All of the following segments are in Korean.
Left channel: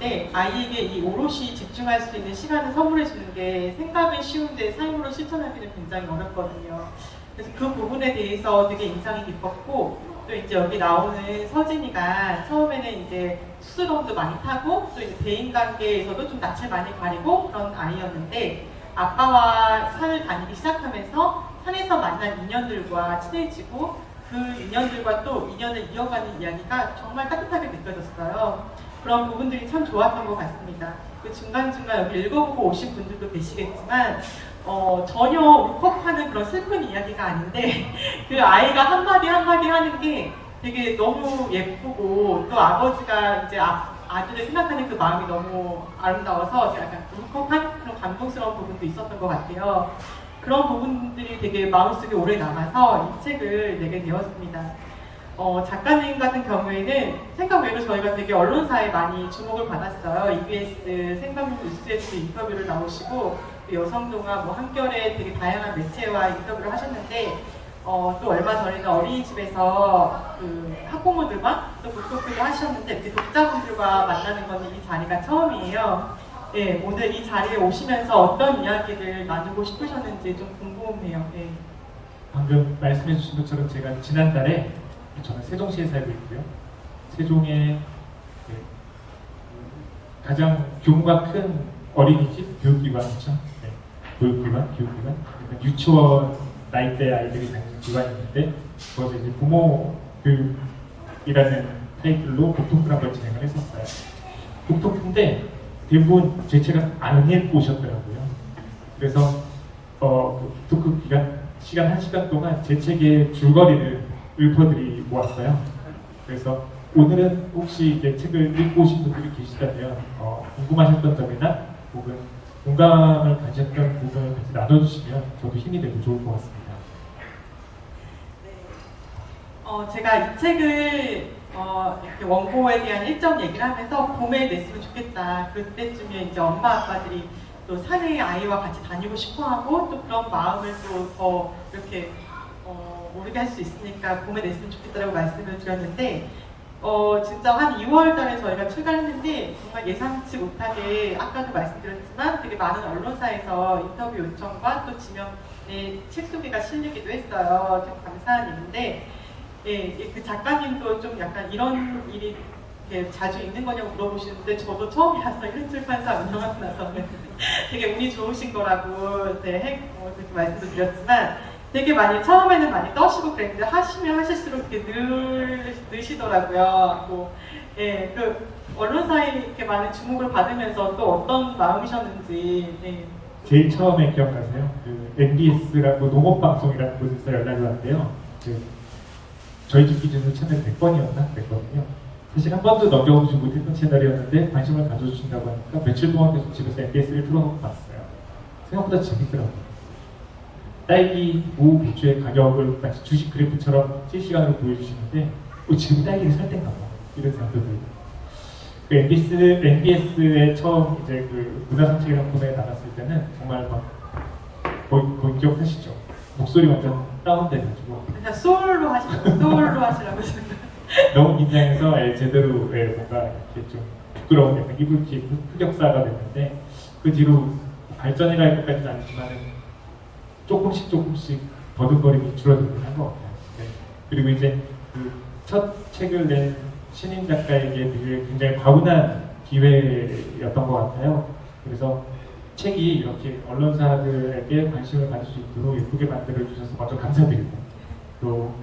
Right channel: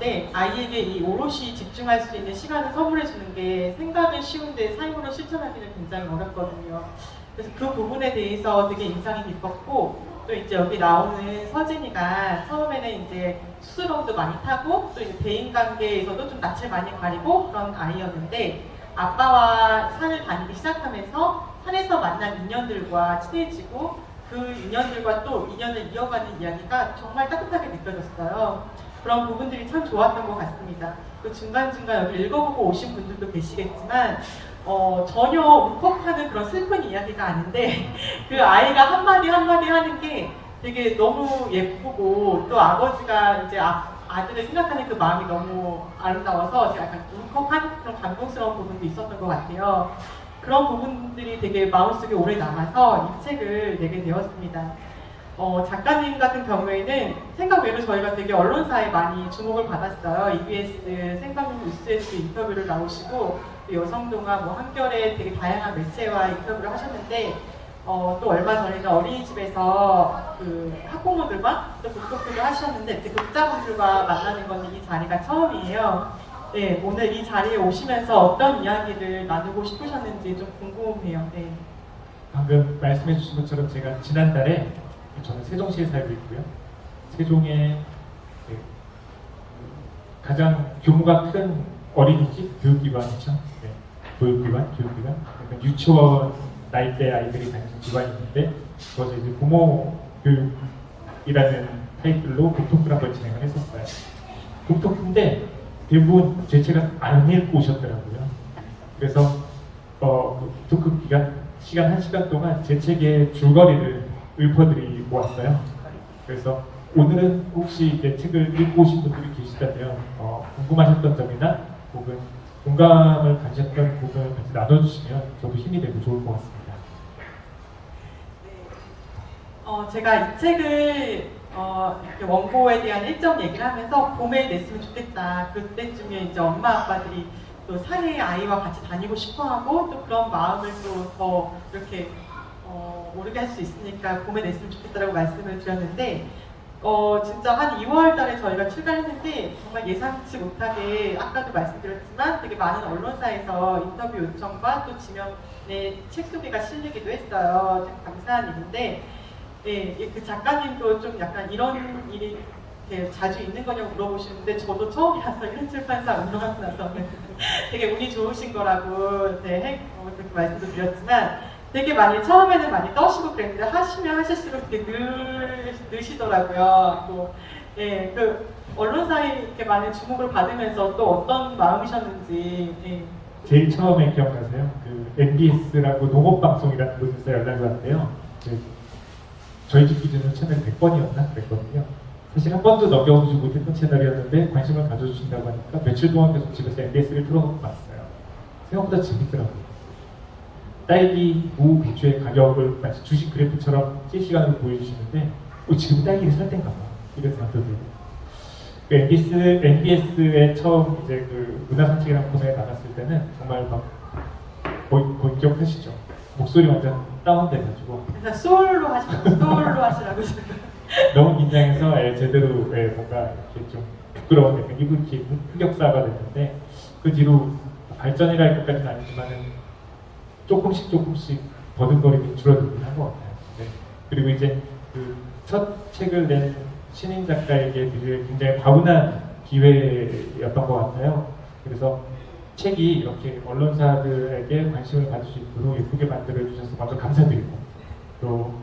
있는데 아이에게 이 오롯이 집중할 수 있는 시간을 선물해 주는 게 생각은 쉬운데 삶으로 실천하기는 굉장히 어렵거든요. 그래서 그 부분에 대해서 되게 인상이 깊었고, 또 이제 여기 나오는 서진이가 처음에는 이제 수술험도 많이 타고 또 이제 대인관계에서도 좀 낯을 많이 가리고 그런 아이였는데, 아빠와 산을 다니기 시작하면서 산에서 만난 인연들과 친해지고 그 인연들과 또 인연을 이어가는 이야기가 정말 따뜻하게 느껴졌어요. 그런 부분들이 참 좋았던 것 같습니다. 그 중간중간 여기 읽어보고 오신 분들도 계시겠지만 전혀 울컥하는 그런 슬픈 이야기가 아닌데 그 아이가 한마디 한마디 하는 게 되게 너무 예쁘고, 또 아버지가 이제 아들을 생각하는 그 마음이 너무 아름다워서 약간 울컥한 그런 감동스러운 부분도 있었던 것 같아요. 그런 부분들이 되게 마음속에 오래 남아서 이 책을 내게 되었습니다. 작가님 같은 경우에는 생각 외로 저희가 되게 언론사에 많이 주목을 받았어요. EBS 생방송 뉴스에서 인터뷰를 나오시고, 여성동화, 한겨레 되게 다양한 매체와 인터뷰를 하셨는데, 또 얼마 전에는 어린이집에서 그 학부모들과 또 북토크를 하셨는데, 이렇게 독자분들과 만나는 것은 이 자리가 처음이에요. 네, 오늘 이 자리에 오시면서 어떤 이야기를 나누고 싶으셨는지 좀 궁금해요. 네. 방금 말씀해 주신 것처럼 제가 지난달에, 저는 세종시에 살고 있고요. 세종의 가장 규모가 큰 어린이집 교육기관이죠. 네, 교육기관. 그러니까 유치원 나이대 아이들이 다니는 기관이었는데, 거기서 이제 부모 교육이라는 타이틀로 북토크를 한번 진행을 했었어요. 북토크인데 대부분 제 책을 안 읽고 오셨더라고요. 그래서 북토크 시간 1시간 동안 제 책의 줄거리를 읊어드리 모았어요. 그래서 오늘은 혹시 이제 책을 읽고 오신 분들이 계시다면 궁금하셨던 점이나 혹은 공감을 가졌던 부분을 같이 나눠주시면 저도 힘이 되고 좋을 것 같습니다. 네. 제가 이 책을 이렇게 원고에 대한 일정 얘기를 하면서 봄에 냈으면 좋겠다. 그때쯤에 이제 엄마 아빠들이 또 산에 아이와 같이 다니고 싶어하고 또 그런 마음을 또 더 이렇게 오르게 할 수 있으니까 봄에 냈으면 좋겠다라고 말씀을 드렸는데, 진짜 한 2월 달에 저희가 출간했는데 정말 예상치 못하게 아까도 말씀드렸지만 되게 많은 언론사에서 인터뷰 요청과 또 지명의 책 소개가 실리기도 했어요. 참 감사한 일인데, 그 작가님도 좀 약간 이런 일이 이렇게 자주 있는 거냐고 물어보시는데, 저도 처음이라서 이런 출판사 운영하고 나서는 되게 운이 좋으신 거라고 그렇게 말씀도 드렸지만, 되게 많이 처음에는 많이 떠시고 그랬는데 하시면 하실수록 이렇게 느시더라고요. 또, 그 언론사에 이렇게 많은 주목을 받으면서 또 어떤 마음이셨는지. 제일 처음에 기억나세요? 그 MBS라고 농업방송이라는 곳에서 연락이 왔대요. 저희도 기준으로 채널 100번이었나? 그랬거든요. 사실 한 번도 넘겨보지 못했던 채널이었는데 관심을 가져주신다고 하니까 며칠 동안 계속 집에서 MBS를 틀어봤어요. 생각보다 재밌더라고요. 딸기, 무, 배추의 가격을 마치 주식 그래프처럼 실시간으로 보여주시는데 지금 딸기를 살 땐가 봐, 이런 생각도 들고. 그 MBS에 처음 이제 그 문화상책이라는 코너에 나갔을 때는 정말 막 거의 기억하시죠? 목소리 완전 다운돼가지고 소울로 하시라고 지금. 너무 긴장해서 제대로 뭔가 이렇게 좀 부끄러운 약간 이불킥 흑역사가 됐는데, 그 뒤로 발전이라 할 것까지는 아니지만은 조금씩 버둥거림이 줄어들긴 한 것 같아요. 네. 그리고 이제 그 첫 책을 낸 신인 작가에게 되게 굉장히 과분한 기회였던 것 같아요. 그래서 책이 이렇게 언론사들에게 관심을 받을 수 있도록 예쁘게 만들어 주셔서 먼저 감사드리고, 또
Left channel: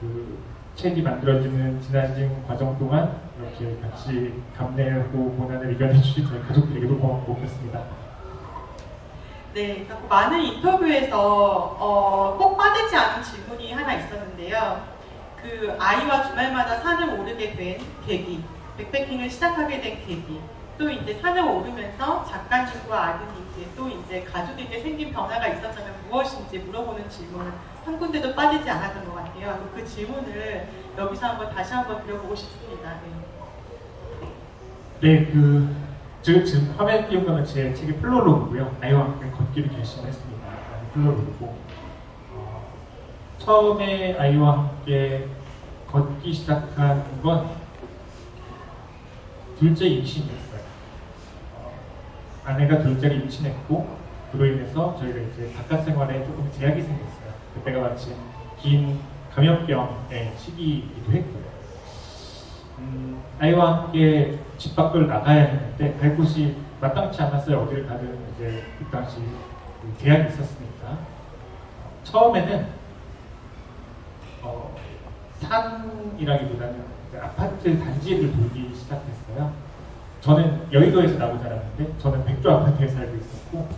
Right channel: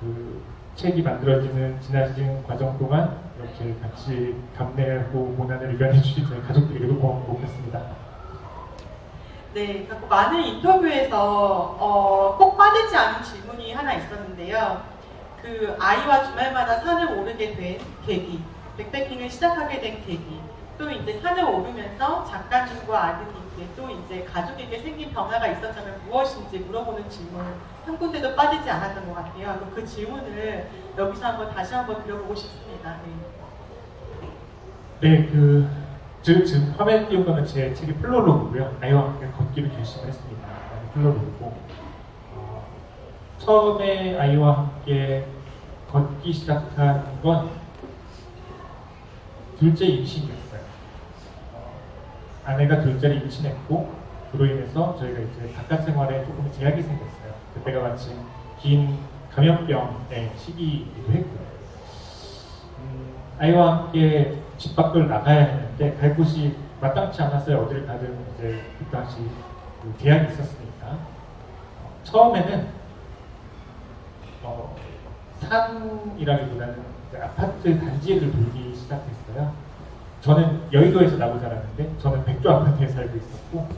그 책이 만들어지는 지나친 과정 동안 이렇게 같이 감내하고 고난을 이겨내 주신 저희 가족들에게도 고맙고 그렇습니다. 네, 많은 인터뷰에서 꼭 빠지지 않은 질문이 하나 있었는데요. 그 아이와 주말마다 산을 오르게 된 계기, 백패킹을 시작하게 된 계기, 또 이제 산을 오르면서 작가님과 아드님께 또 이제 가족에게 생긴 변화가 있었다면 무엇인지 물어보는 질문을 한 군데도 빠지지 않았던 것 같아요. 그 질문을 여기서 다시 한번 드려보고 싶습니다. 네, 지금 화면 띄운 거는 제 책의 플로로그고요. 아이와 함께 걷기를 결심했습니다. 플로로그고, 처음에 아이와 함께 걷기 시작한 건 둘째 임신이었어요. 아내가 둘째를 임신했고 그로 인해서 저희가 이제 바깥 생활에 조금 제약이 생겼어요. 그때가 마침 긴 감염병의 시기이기도 했고 아이와 함께 집 밖을 나가야 했는데 갈 곳이 마땅치 않았어요. 어디를 가든 이제 그 당시 그 제약이 있었으니까 처음에는 산이라기보다는 이제 아파트 단지를 돌기 시작했어요. 저는 여의도에서 나고 자랐는데 저는 백조 아파트에 살고 있었고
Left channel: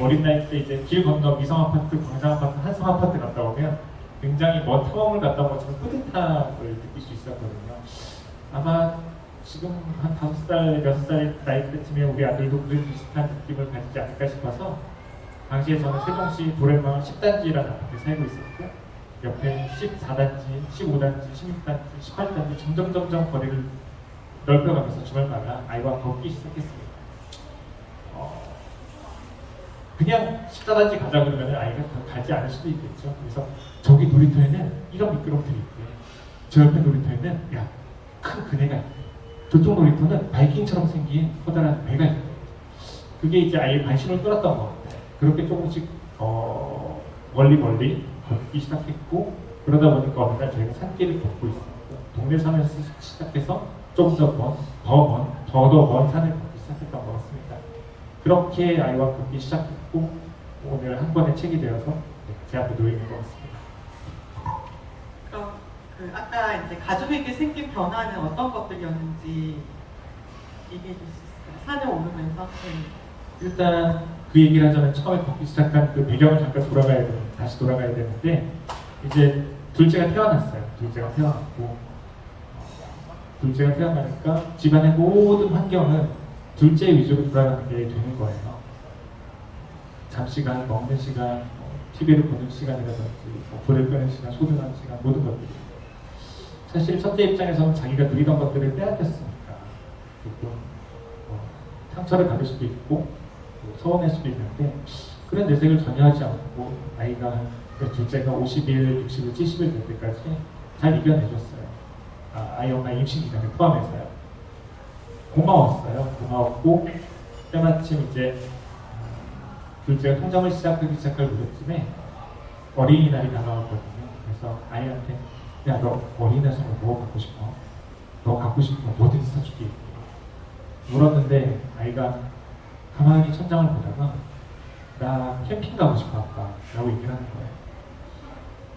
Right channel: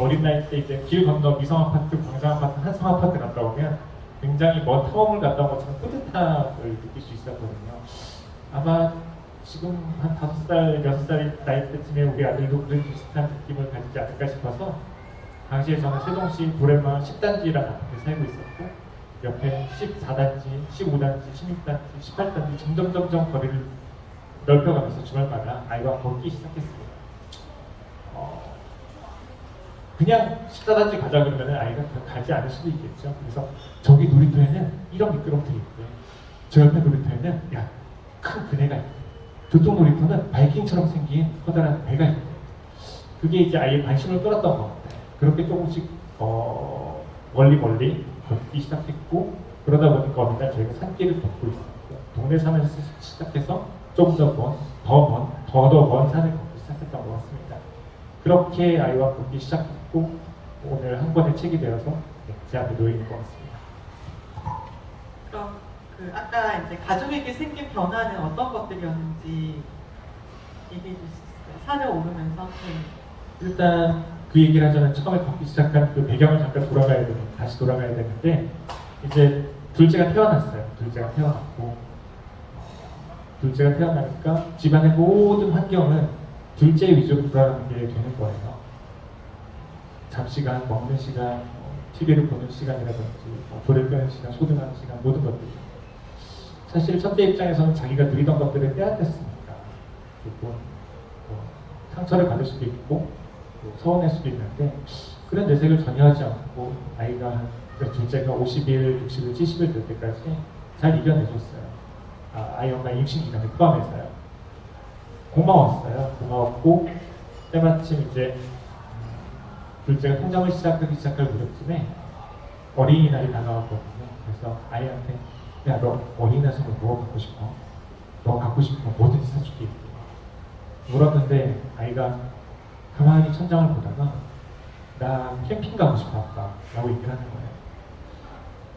어린 나이 때 이제 길 건너 미성 아파트, 광장 아파트, 한성 아파트 갔다 오면 굉장히 먼 탐험을 갔다 온 것처럼 뿌듯함을 느낄 수 있었거든요. 아마 지금 한 5살, 6살 나이 때쯤에 우리 아들도 그런 비슷한 느낌을 가지지 않을까 싶어서 당시에 저는 세종시 도래마을 10단지라는 아파트에 살고 있었고 옆에 14단지, 15단지, 16단지, 18단지 점점 거리를 넓혀가면서 주말마다 아이와 걷기 시작했습니다. 그냥 14단지 가자 그러면 아이가 가지 않을 수도 있겠죠. 그래서 저기 놀이터에는 이런 미끄럼틀이 있대. 저 옆에 놀이터에는 큰 그네가 있대. 저쪽 놀이터는 바이킹처럼 생긴 커다란 배가 있대. 그게 이제 아이의 관심을 끌었던 것 같아요. 그렇게 조금씩 멀리 걷기 시작했고 그러다 보니까 어느 날 저희가 산길을 걷고 있었고 동네 산을 시작해서 좀 더 먼 산을 걷기 시작했던 것 같습니다. 그렇게 아이와 걷기 시작했고 오늘 한 권의 책이 되어서 제 앞에 놓여 있는 것 같습니다. 그럼 아까 이제 가족에게 생긴 변화는 어떤 것들이었는지 얘기해 주실 수 있을까요? 산을 오르면서. 네. 일단 그 얘기를 하자면 처음에 걷기 시작한 그 배경을 잠깐 다시 돌아가야 되는데 이제 둘째가 태어났어요. 둘째가 태어나니까 집안의 모든 환경은 둘째 위주로 돌아가게 되는 거예요. 잠시간, 먹는 시간, TV를 보는 시간이라든지 불을 끄는 시간, 소등하는 시간, 모든 것들이 사실 첫째 입장에서는 자기가 누리던 것들을 빼앗겼으니까 조금 상처를 받을 수도 있고 서운할 수도 있는데 그런 내색을 전혀 하지 않고 아이가 둘째가 50일, 60일, 70일 될 때까지 잘 이겨내줬어요. 아이 엄마 임신 기간을 포함해서요. 고마웠고 때마침 이제 둘째가 통장을 시작할 무렵쯤에 어린이날이 다가왔거든요. 그래서 아이한테 너 어린이날 선물 뭐 갖고 싶어? 너 갖고 싶은 거 뭐든지 사줄게 물었는데 아이가 가만히 천장을 보다가 나 캠핑 가고 싶어 아빠 라고 얘기를 하는 거예요.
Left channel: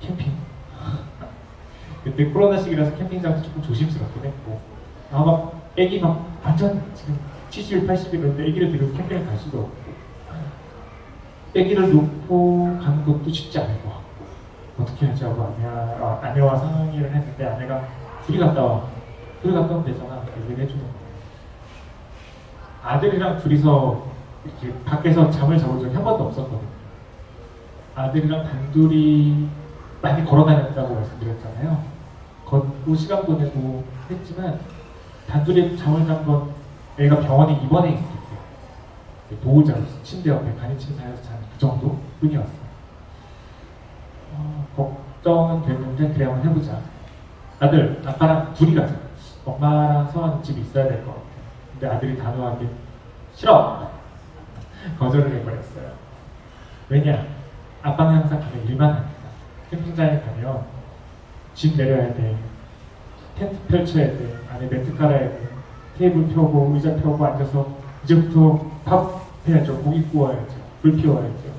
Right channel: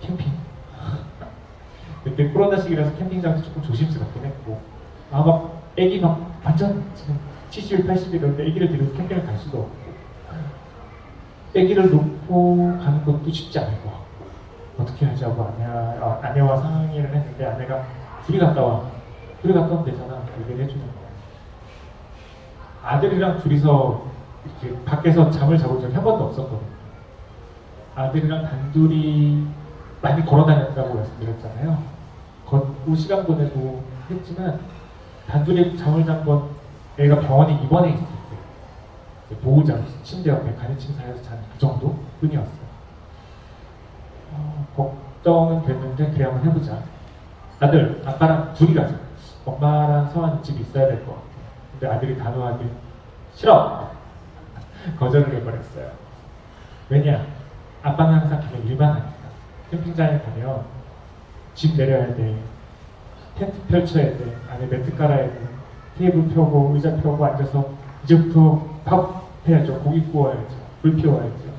캠핑? 그때 코로나 시기라서 캠핑장도 조금 조심스럽긴 했고 애기 완전 지금 70, 80이던데 애기를 데리고 캠핑을 갈 수도 없고 애기를 놓고 가는 것도 쉽지 않을 것 같고 어떻게 하자고 아내와 상의를 했는데 아내가 둘이 갔다 오면 되잖아 얘기를 해주는 거예요. 아들이랑 둘이서 이렇게 밖에서 잠을 자본 적이 한 번도 없었거든요. 아들이랑 단둘이 많이 걸어다녔다고 말씀드렸잖아요. 걷고 시간 보내고 했지만 단둘이 잠을 잔 건 애가 병원에 입원해 있을 때 보호자로서 침대 옆에 간이침상에서 잔 그 정도 뿐이었어요. 걱정은 됐는데 그래 한번 해보자. 아들, 아빠랑 둘이 가자. 엄마랑 성아는 집에 있어야 될 것 같아. 근데 아들이 단호하게 싫어! 거절을 해버렸어요. 왜냐? 아빠는 항상 가면 일만 합니다. 캠핑장에 가면 집 내려야 돼. 텐트 펼쳐야 돼. 안에 매트 깔아야 돼. 테이블 펴고 의자 펴고 앉아서 이제부터 밥 해야죠. 고기 구워야죠. 불 피워야죠.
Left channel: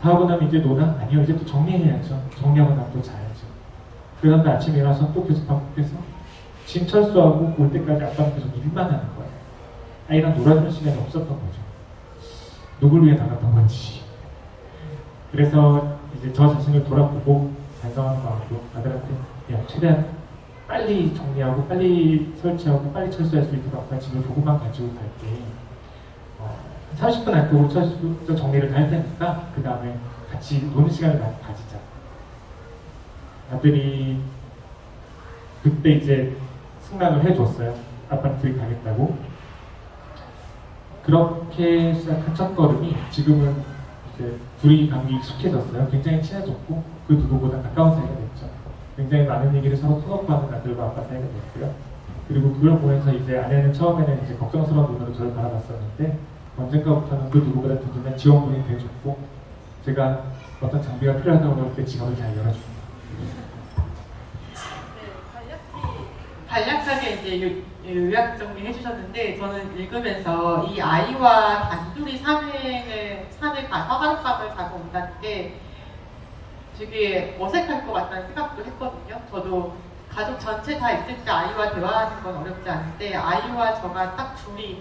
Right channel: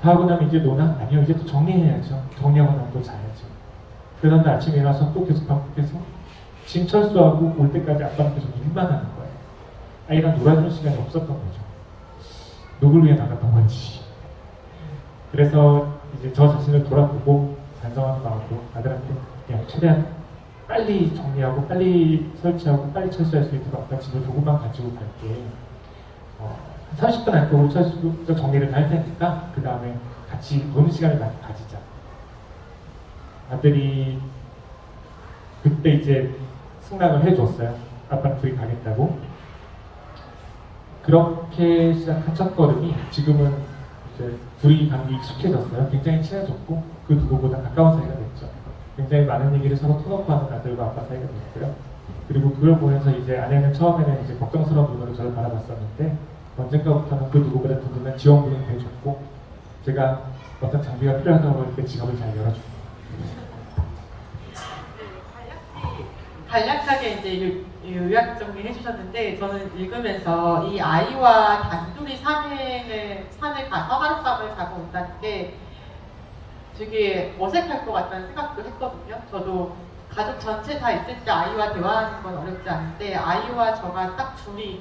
다 하고 나면 이제 노나? 아니요. 이제 또 정리해야죠. 정리하고 나면 또 자야죠. 그 다음에 아침에 일어나서 또 계속 반복해서 짐 철수하고 올 때까지 아빠는 계속 일만 하는 거예요. 아이랑 놀아주는 시간이 없었던 거죠. 누굴 위해 나갔던 건지. 그래서 이제 저 자신을 돌아보고 반성하는 마음으로 아들한테 최대한 빨리 정리하고 빨리 설치하고 빨리 철수할 수 있도록 아빠 집을 조금만 가지고 갈게. 30분 안쪽으로 철수 정리를 다 할 테니까 그 다음에 같이 노는 시간을 많이 가지자. 아들이 그때 이제 승낙을 해줬어요. 아빠는 둘이 가겠다고. 그렇게 시작한 첫 걸음이 지금은 이제 둘이 관계 익숙해졌어요. 굉장히 친해졌고 그 누구보다 가까운 사이가 됐죠. 굉장히 많은 얘기를 서로 터놓고 하는 아들과 아빠 사이가 됐고요. 그리고 그걸 보면서 이제 아내는 처음에는 이제 걱정스러운 눈으로 저를 바라봤었는데 언젠가부터는 그 누구보다 든든한 지원군이 돼줬고 제가 어떤 장비가 필요하다고 할 때 지갑을 잘 열어줍니다. 간략하게 이제 요약 정리해 주셨는데 저는 읽으면서 이 아이와 단둘이 산에 가서 하룻밤을 자고 온다는 게 되게 어색할 것 같다는 생각도 했거든요. 저도 가족 전체 다 있을 때 아이와 대화하는 건 어렵지 않은데 아이와 저가 딱 둘이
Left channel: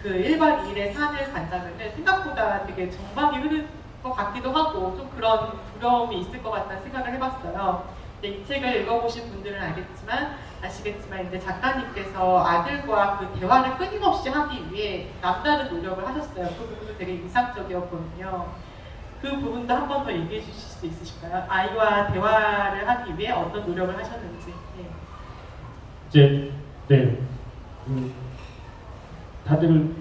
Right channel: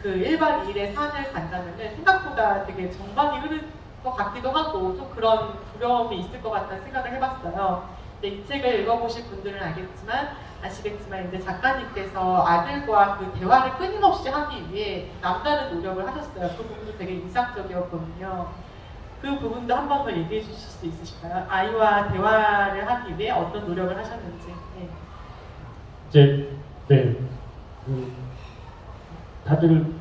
그 1박 2일에 산을 간다면 생각보다 되게 정막이 흐를 것 같기도 하고 좀 그런 두려움이 있을 것 같다는 생각을 해봤어요. 근데 이 책을 읽어보신 분들은 아시겠지만 이제 작가님께서 아들과 그 대화를 끊임없이 하기 위해 남다른 노력을 하셨어요. 그 부분도 되게 인상적이었거든요. 그 부분도 한 번 더 얘기해 주실 수 있으실까요? 아이와 대화를 하기 위해 어떤 노력을 하셨는지. 네. 이제 다들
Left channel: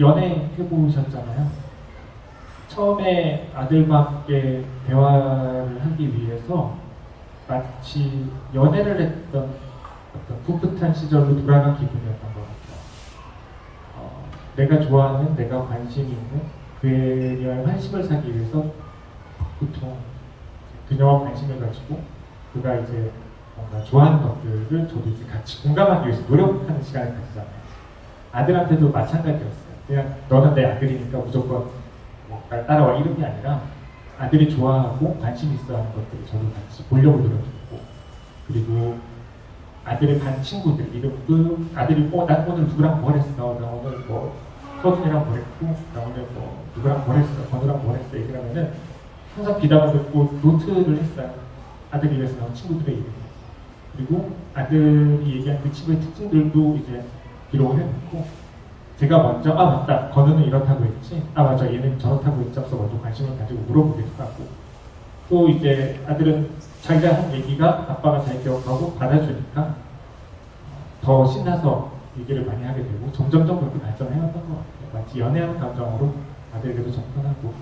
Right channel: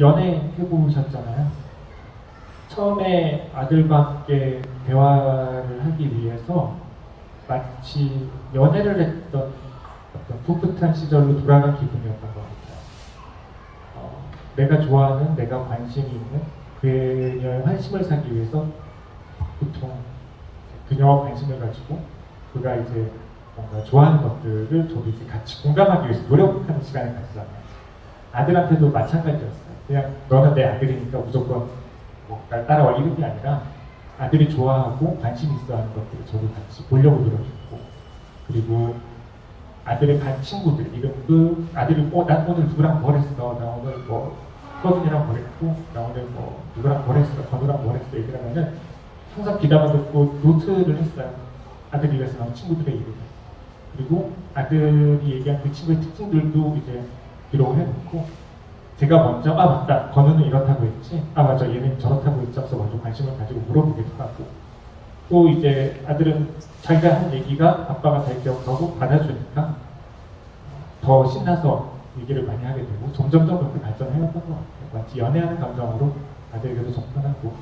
연애 해보셨잖아요. 처음에 아들과 함께 대화를 하기 위해서 마치 연애를 했던 어떤 풋풋한 시절로 돌아간 기분이었던 것 같아요. 내가 좋아하는, 내가 관심이 있는 그녀의 환심을 사기 위해서 보통 그녀와 관심을 가지고 그가 이제 뭔가 좋아하는 것들을 저도 이제 같이 공감하기 위해서 노력하는 시간을 가지잖아요. 아들한테도 마찬가지였어요. 그냥 너는 내 아들이니까 무조건 날 따라와 이런 게 아니라 아들이 좋아하고 관심 있어 하는 것들을 저도 같이 보려고 노력했고 그리고 아들의 반 친구들 이름도 아들이 나 오늘 누구랑 뭘 했어 나 오늘 뭐 서준이랑 뭘 했고 나 오늘 뭐 누구랑 뭘 했어 건우랑 뭘 했어 이러면은 항상 귀담아 듣고 노트를 했어요. 아들이 위해서 나온 친구들의 이름 그리고 아들이 얘기한 그 친구의 특징들도 이제 기록을 해놓고 제가 먼저 맞다 건우는 이렇다고 했지 맞아 얘는 저렇다고 했지 하면서 먼저 관심을 가지고 물어보기도 하고 또 이제 아들은 자기가 한 얘기가 아빠가 잘 기억하고 받아주니까 더 신나서 얘기를 많이 하게 되고 점점점 그렇게 발전해왔던 것 같아요. 마치 연애하는 감정으로 아들에게도 접근하고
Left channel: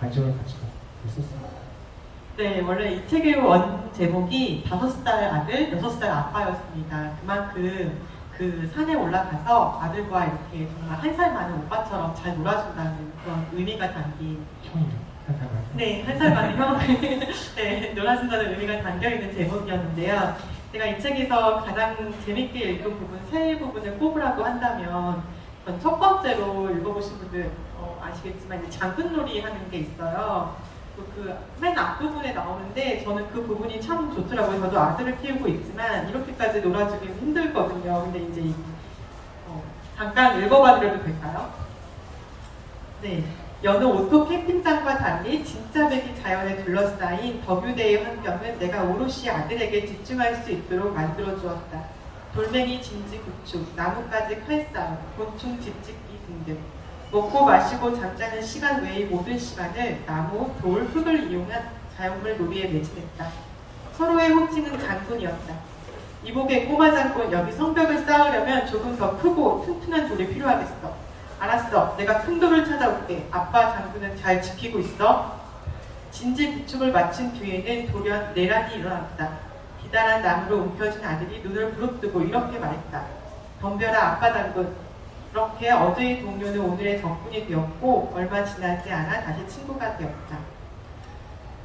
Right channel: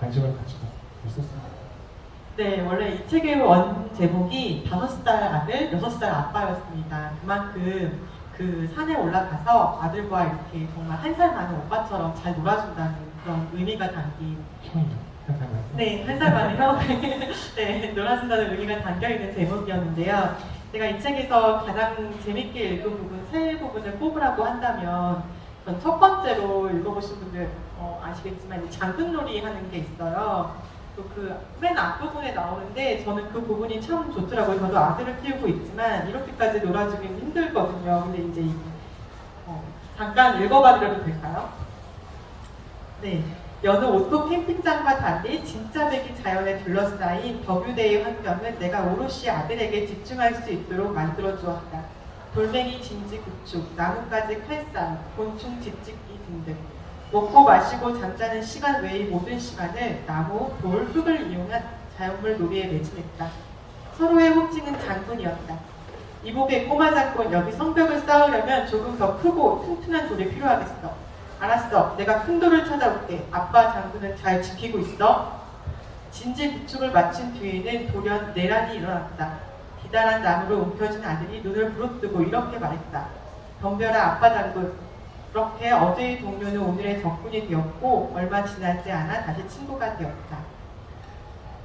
관심을 가지고 있었습니다. 네, 원래 이 책의 원 제목이 5살 아들, 6살 아빠였습니다. 그만큼 그 산에 올라가서 아들과 이렇게 정말 1살 많은 오빠처럼 잘 놀아준다는 그런 의미가 담긴 네, 1살 많은 형 네, 놀아준다는 의미가 담겨있는 제목이었는데요. 제가 이 책에서 가장 재밌게 읽은 부분, 세 부분을 꼽으라고 한다면 전 첫 번째로 읽어보신 분들 아시겠지만 장군놀이 하는 게 있어요. 그 맨 앞부분에 나오는데 저는 그 부분이 참 좋더라고요. 저도 아들을 키우고 있지만 이렇게까지 놀아주기는 힘들거든요. 근데 이제 잠깐 읽어봐드려도 될까요? 네. 여느 오토 캠핑장과 달리 진짜 백이 자연에 둘러싸인 덕유대의 환경은 내가 오롯이 아들에게 집중할 수 있도록 만들어주었다. 돌멩이 진지 구축, 나뭇가지 칼싸움, 곤충 뒤집기 등등. 먹고 마시고 잠자는 시간 외의 모든 시간을 나무, 돌, 흙을 이용한 자연물 놀이에 매진했다. 서로의 호칭은 장군이었다. 이복의 꼬마 장군, 여기 성벽을 쌓으려면 조금 더 크고 튼튼한 돌이 필요하겠어. 알았어, 내가 큰 돌을 찾아올게. 아빠 장군은 잘 지키고 있어. 진지 구축을 마친 뒤에는 돌연 내란이 일어났다. 기다란 나무로 움켜진 아들이 눈을 부릅뜨고 이렇게 말했다. 덤벼라 아빠 장군. 그렇게 어제의 동료는 오늘의 적군이 되었고 얼마 지나지 않아 다시 친구가 되었다.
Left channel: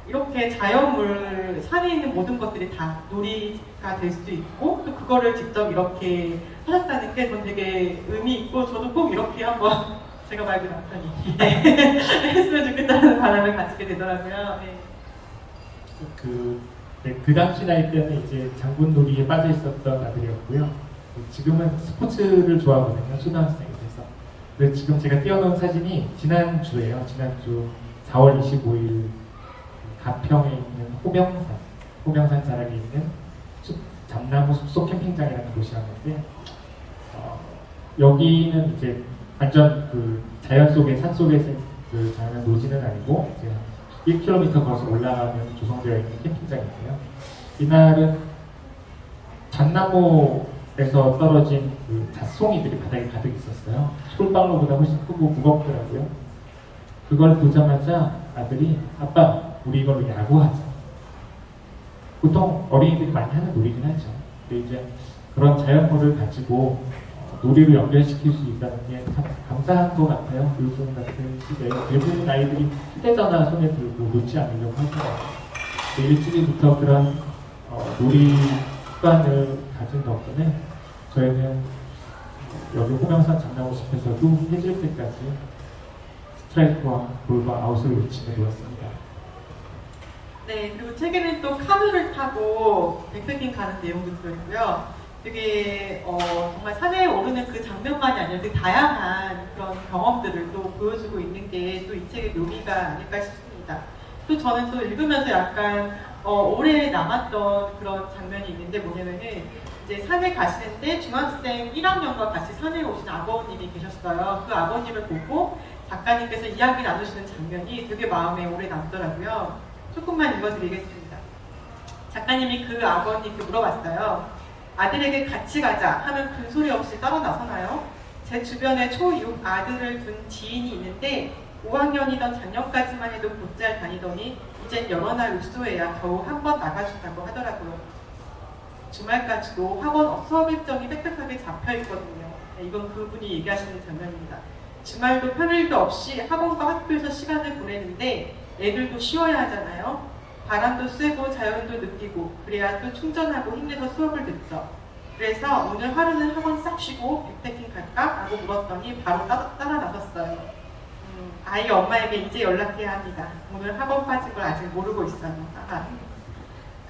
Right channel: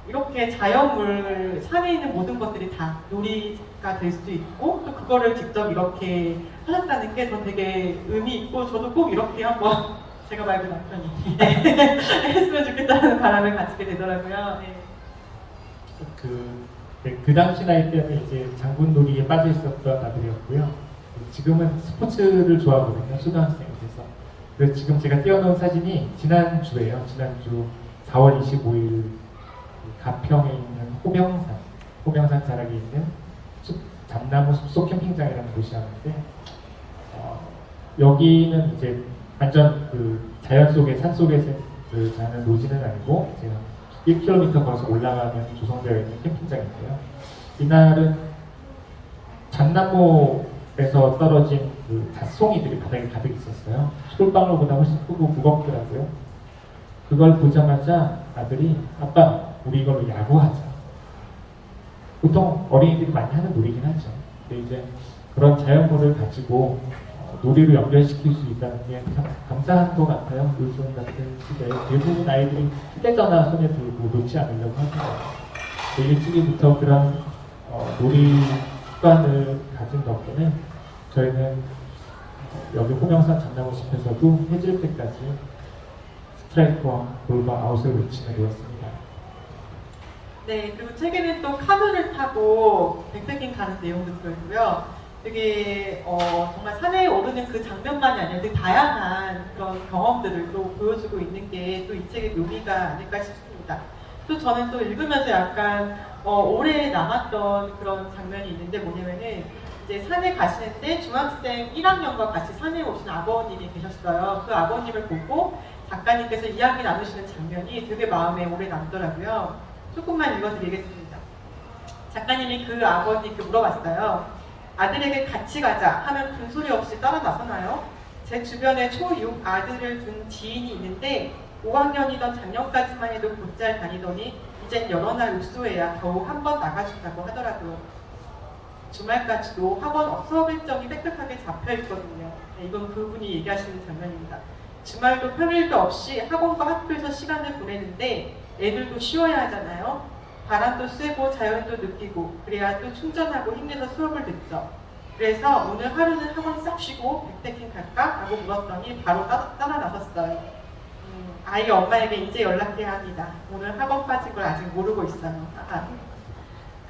이렇게 자연물, 산에 있는 모든 것들이 다 놀이가 될 수 있고 또 그거를 직접 이렇게 하셨다는 게 전 되게 의미 있고 저도 꼭 이렇게 한번 제가 말고 남편이 했으면 좋겠다는 바람을 가지게 되더라고요. 네. 그 당시 나이 때는 이제 장군놀이에 빠져 있었던 아들이었고요. 지금은 스포츠를 좋아하거든요. 초등학생이 돼서. 그래서 지금 제가 띄워놓은 사진이 지난주에요. 지난주 4월 25일 가평에 있는 호명산 자락에 있는 잠나무 숲속 캠핑장이라는 곳이었는데 여기는 이제 완전 그 자연 속에 산 속에서 그 자연 노지는 아니고 1km 걸어서 올라가면 조성되어 있는 캠핑장인데요. 이날은 잣나무에서 떨어진 그 잣송이들이 바닥에 가득 있었어요. 솔방울보다 훨씬 크고 무겁더라고요. 그걸 보자마자 아들이 아빠 우리 이걸로 야구하자. 보통 어린이들이 많이 하는 놀이긴 하죠. 근데 이제 그런 자연물을 가지고 놀이로 연결시킬 수 있다는 게 참 감사한 것 같아요. 요즘 같은 시대에 대부분 아이들이 휴대전화 손에 들고 놓지 않으려고 하잖아요. 일찍이부터 그런 놀이 습관을 가진 덕분에 저희는 여기 호명산 강남호숲에서도 해질 때까지 스트라이크와 볼과 아웃을 외치며 놀았습니다. 네, 그리고 책에는 또 카누를 타고 백패킹 가는 내용도 들어있고요. 되게 정말 산에 오르는 그 장면만이 아니라 되게 다양한 그런 경험들을 또 보여주고 있는 게 또 이 책의 묘미가 아닐까 싶습니다. 또 저는 또 읽으면서 약간 오래 남았던 그런 장면이 있는데 뭐냐면은 이제 산에 가시는데 중학생 1학년과 같이 산에 오신 아버님이 계셨어요. 그 아버님을 보고 작가님께서 이야기 나누시는 장면이 되게 마음에 오래 남더라고요. 조금만 읽어드리겠습니다. 작가님이 그 아버님께 물어봤어요. 아들에게 같이 가자 하면 큰 소리 없이 따라 나서나요? 제 주변에 초6 아들을 둔 지인이 있는데 5학년이던 작년까지만 해도 곧잘 다니더니 이젠 여러 날 읍소해야 겨우 한 번 나가준다고 하더라고요. 주말까지도 학원 수업 일정이 빽빽하게 잡혀있거든요. 네, 이건 그분이 얘기하시는 장면입니다. 주말도 평일도 없이 학원과 학교에서 시간을 보내는데 애들도 쉬어야 하잖아요. 바람도 쐬고 자연도 느끼고 그래야 또 충전하고 힘내서 수업을 듣죠. 그래서 오늘 하루는 학원 싹 쉬고 백패킹 갈까? 라고 물었더니 바로 따라 나섰어요. 아이 엄마에게 이제 연락해야 합니다. 오늘 학원 빠진 걸 아직 모르고 있어요.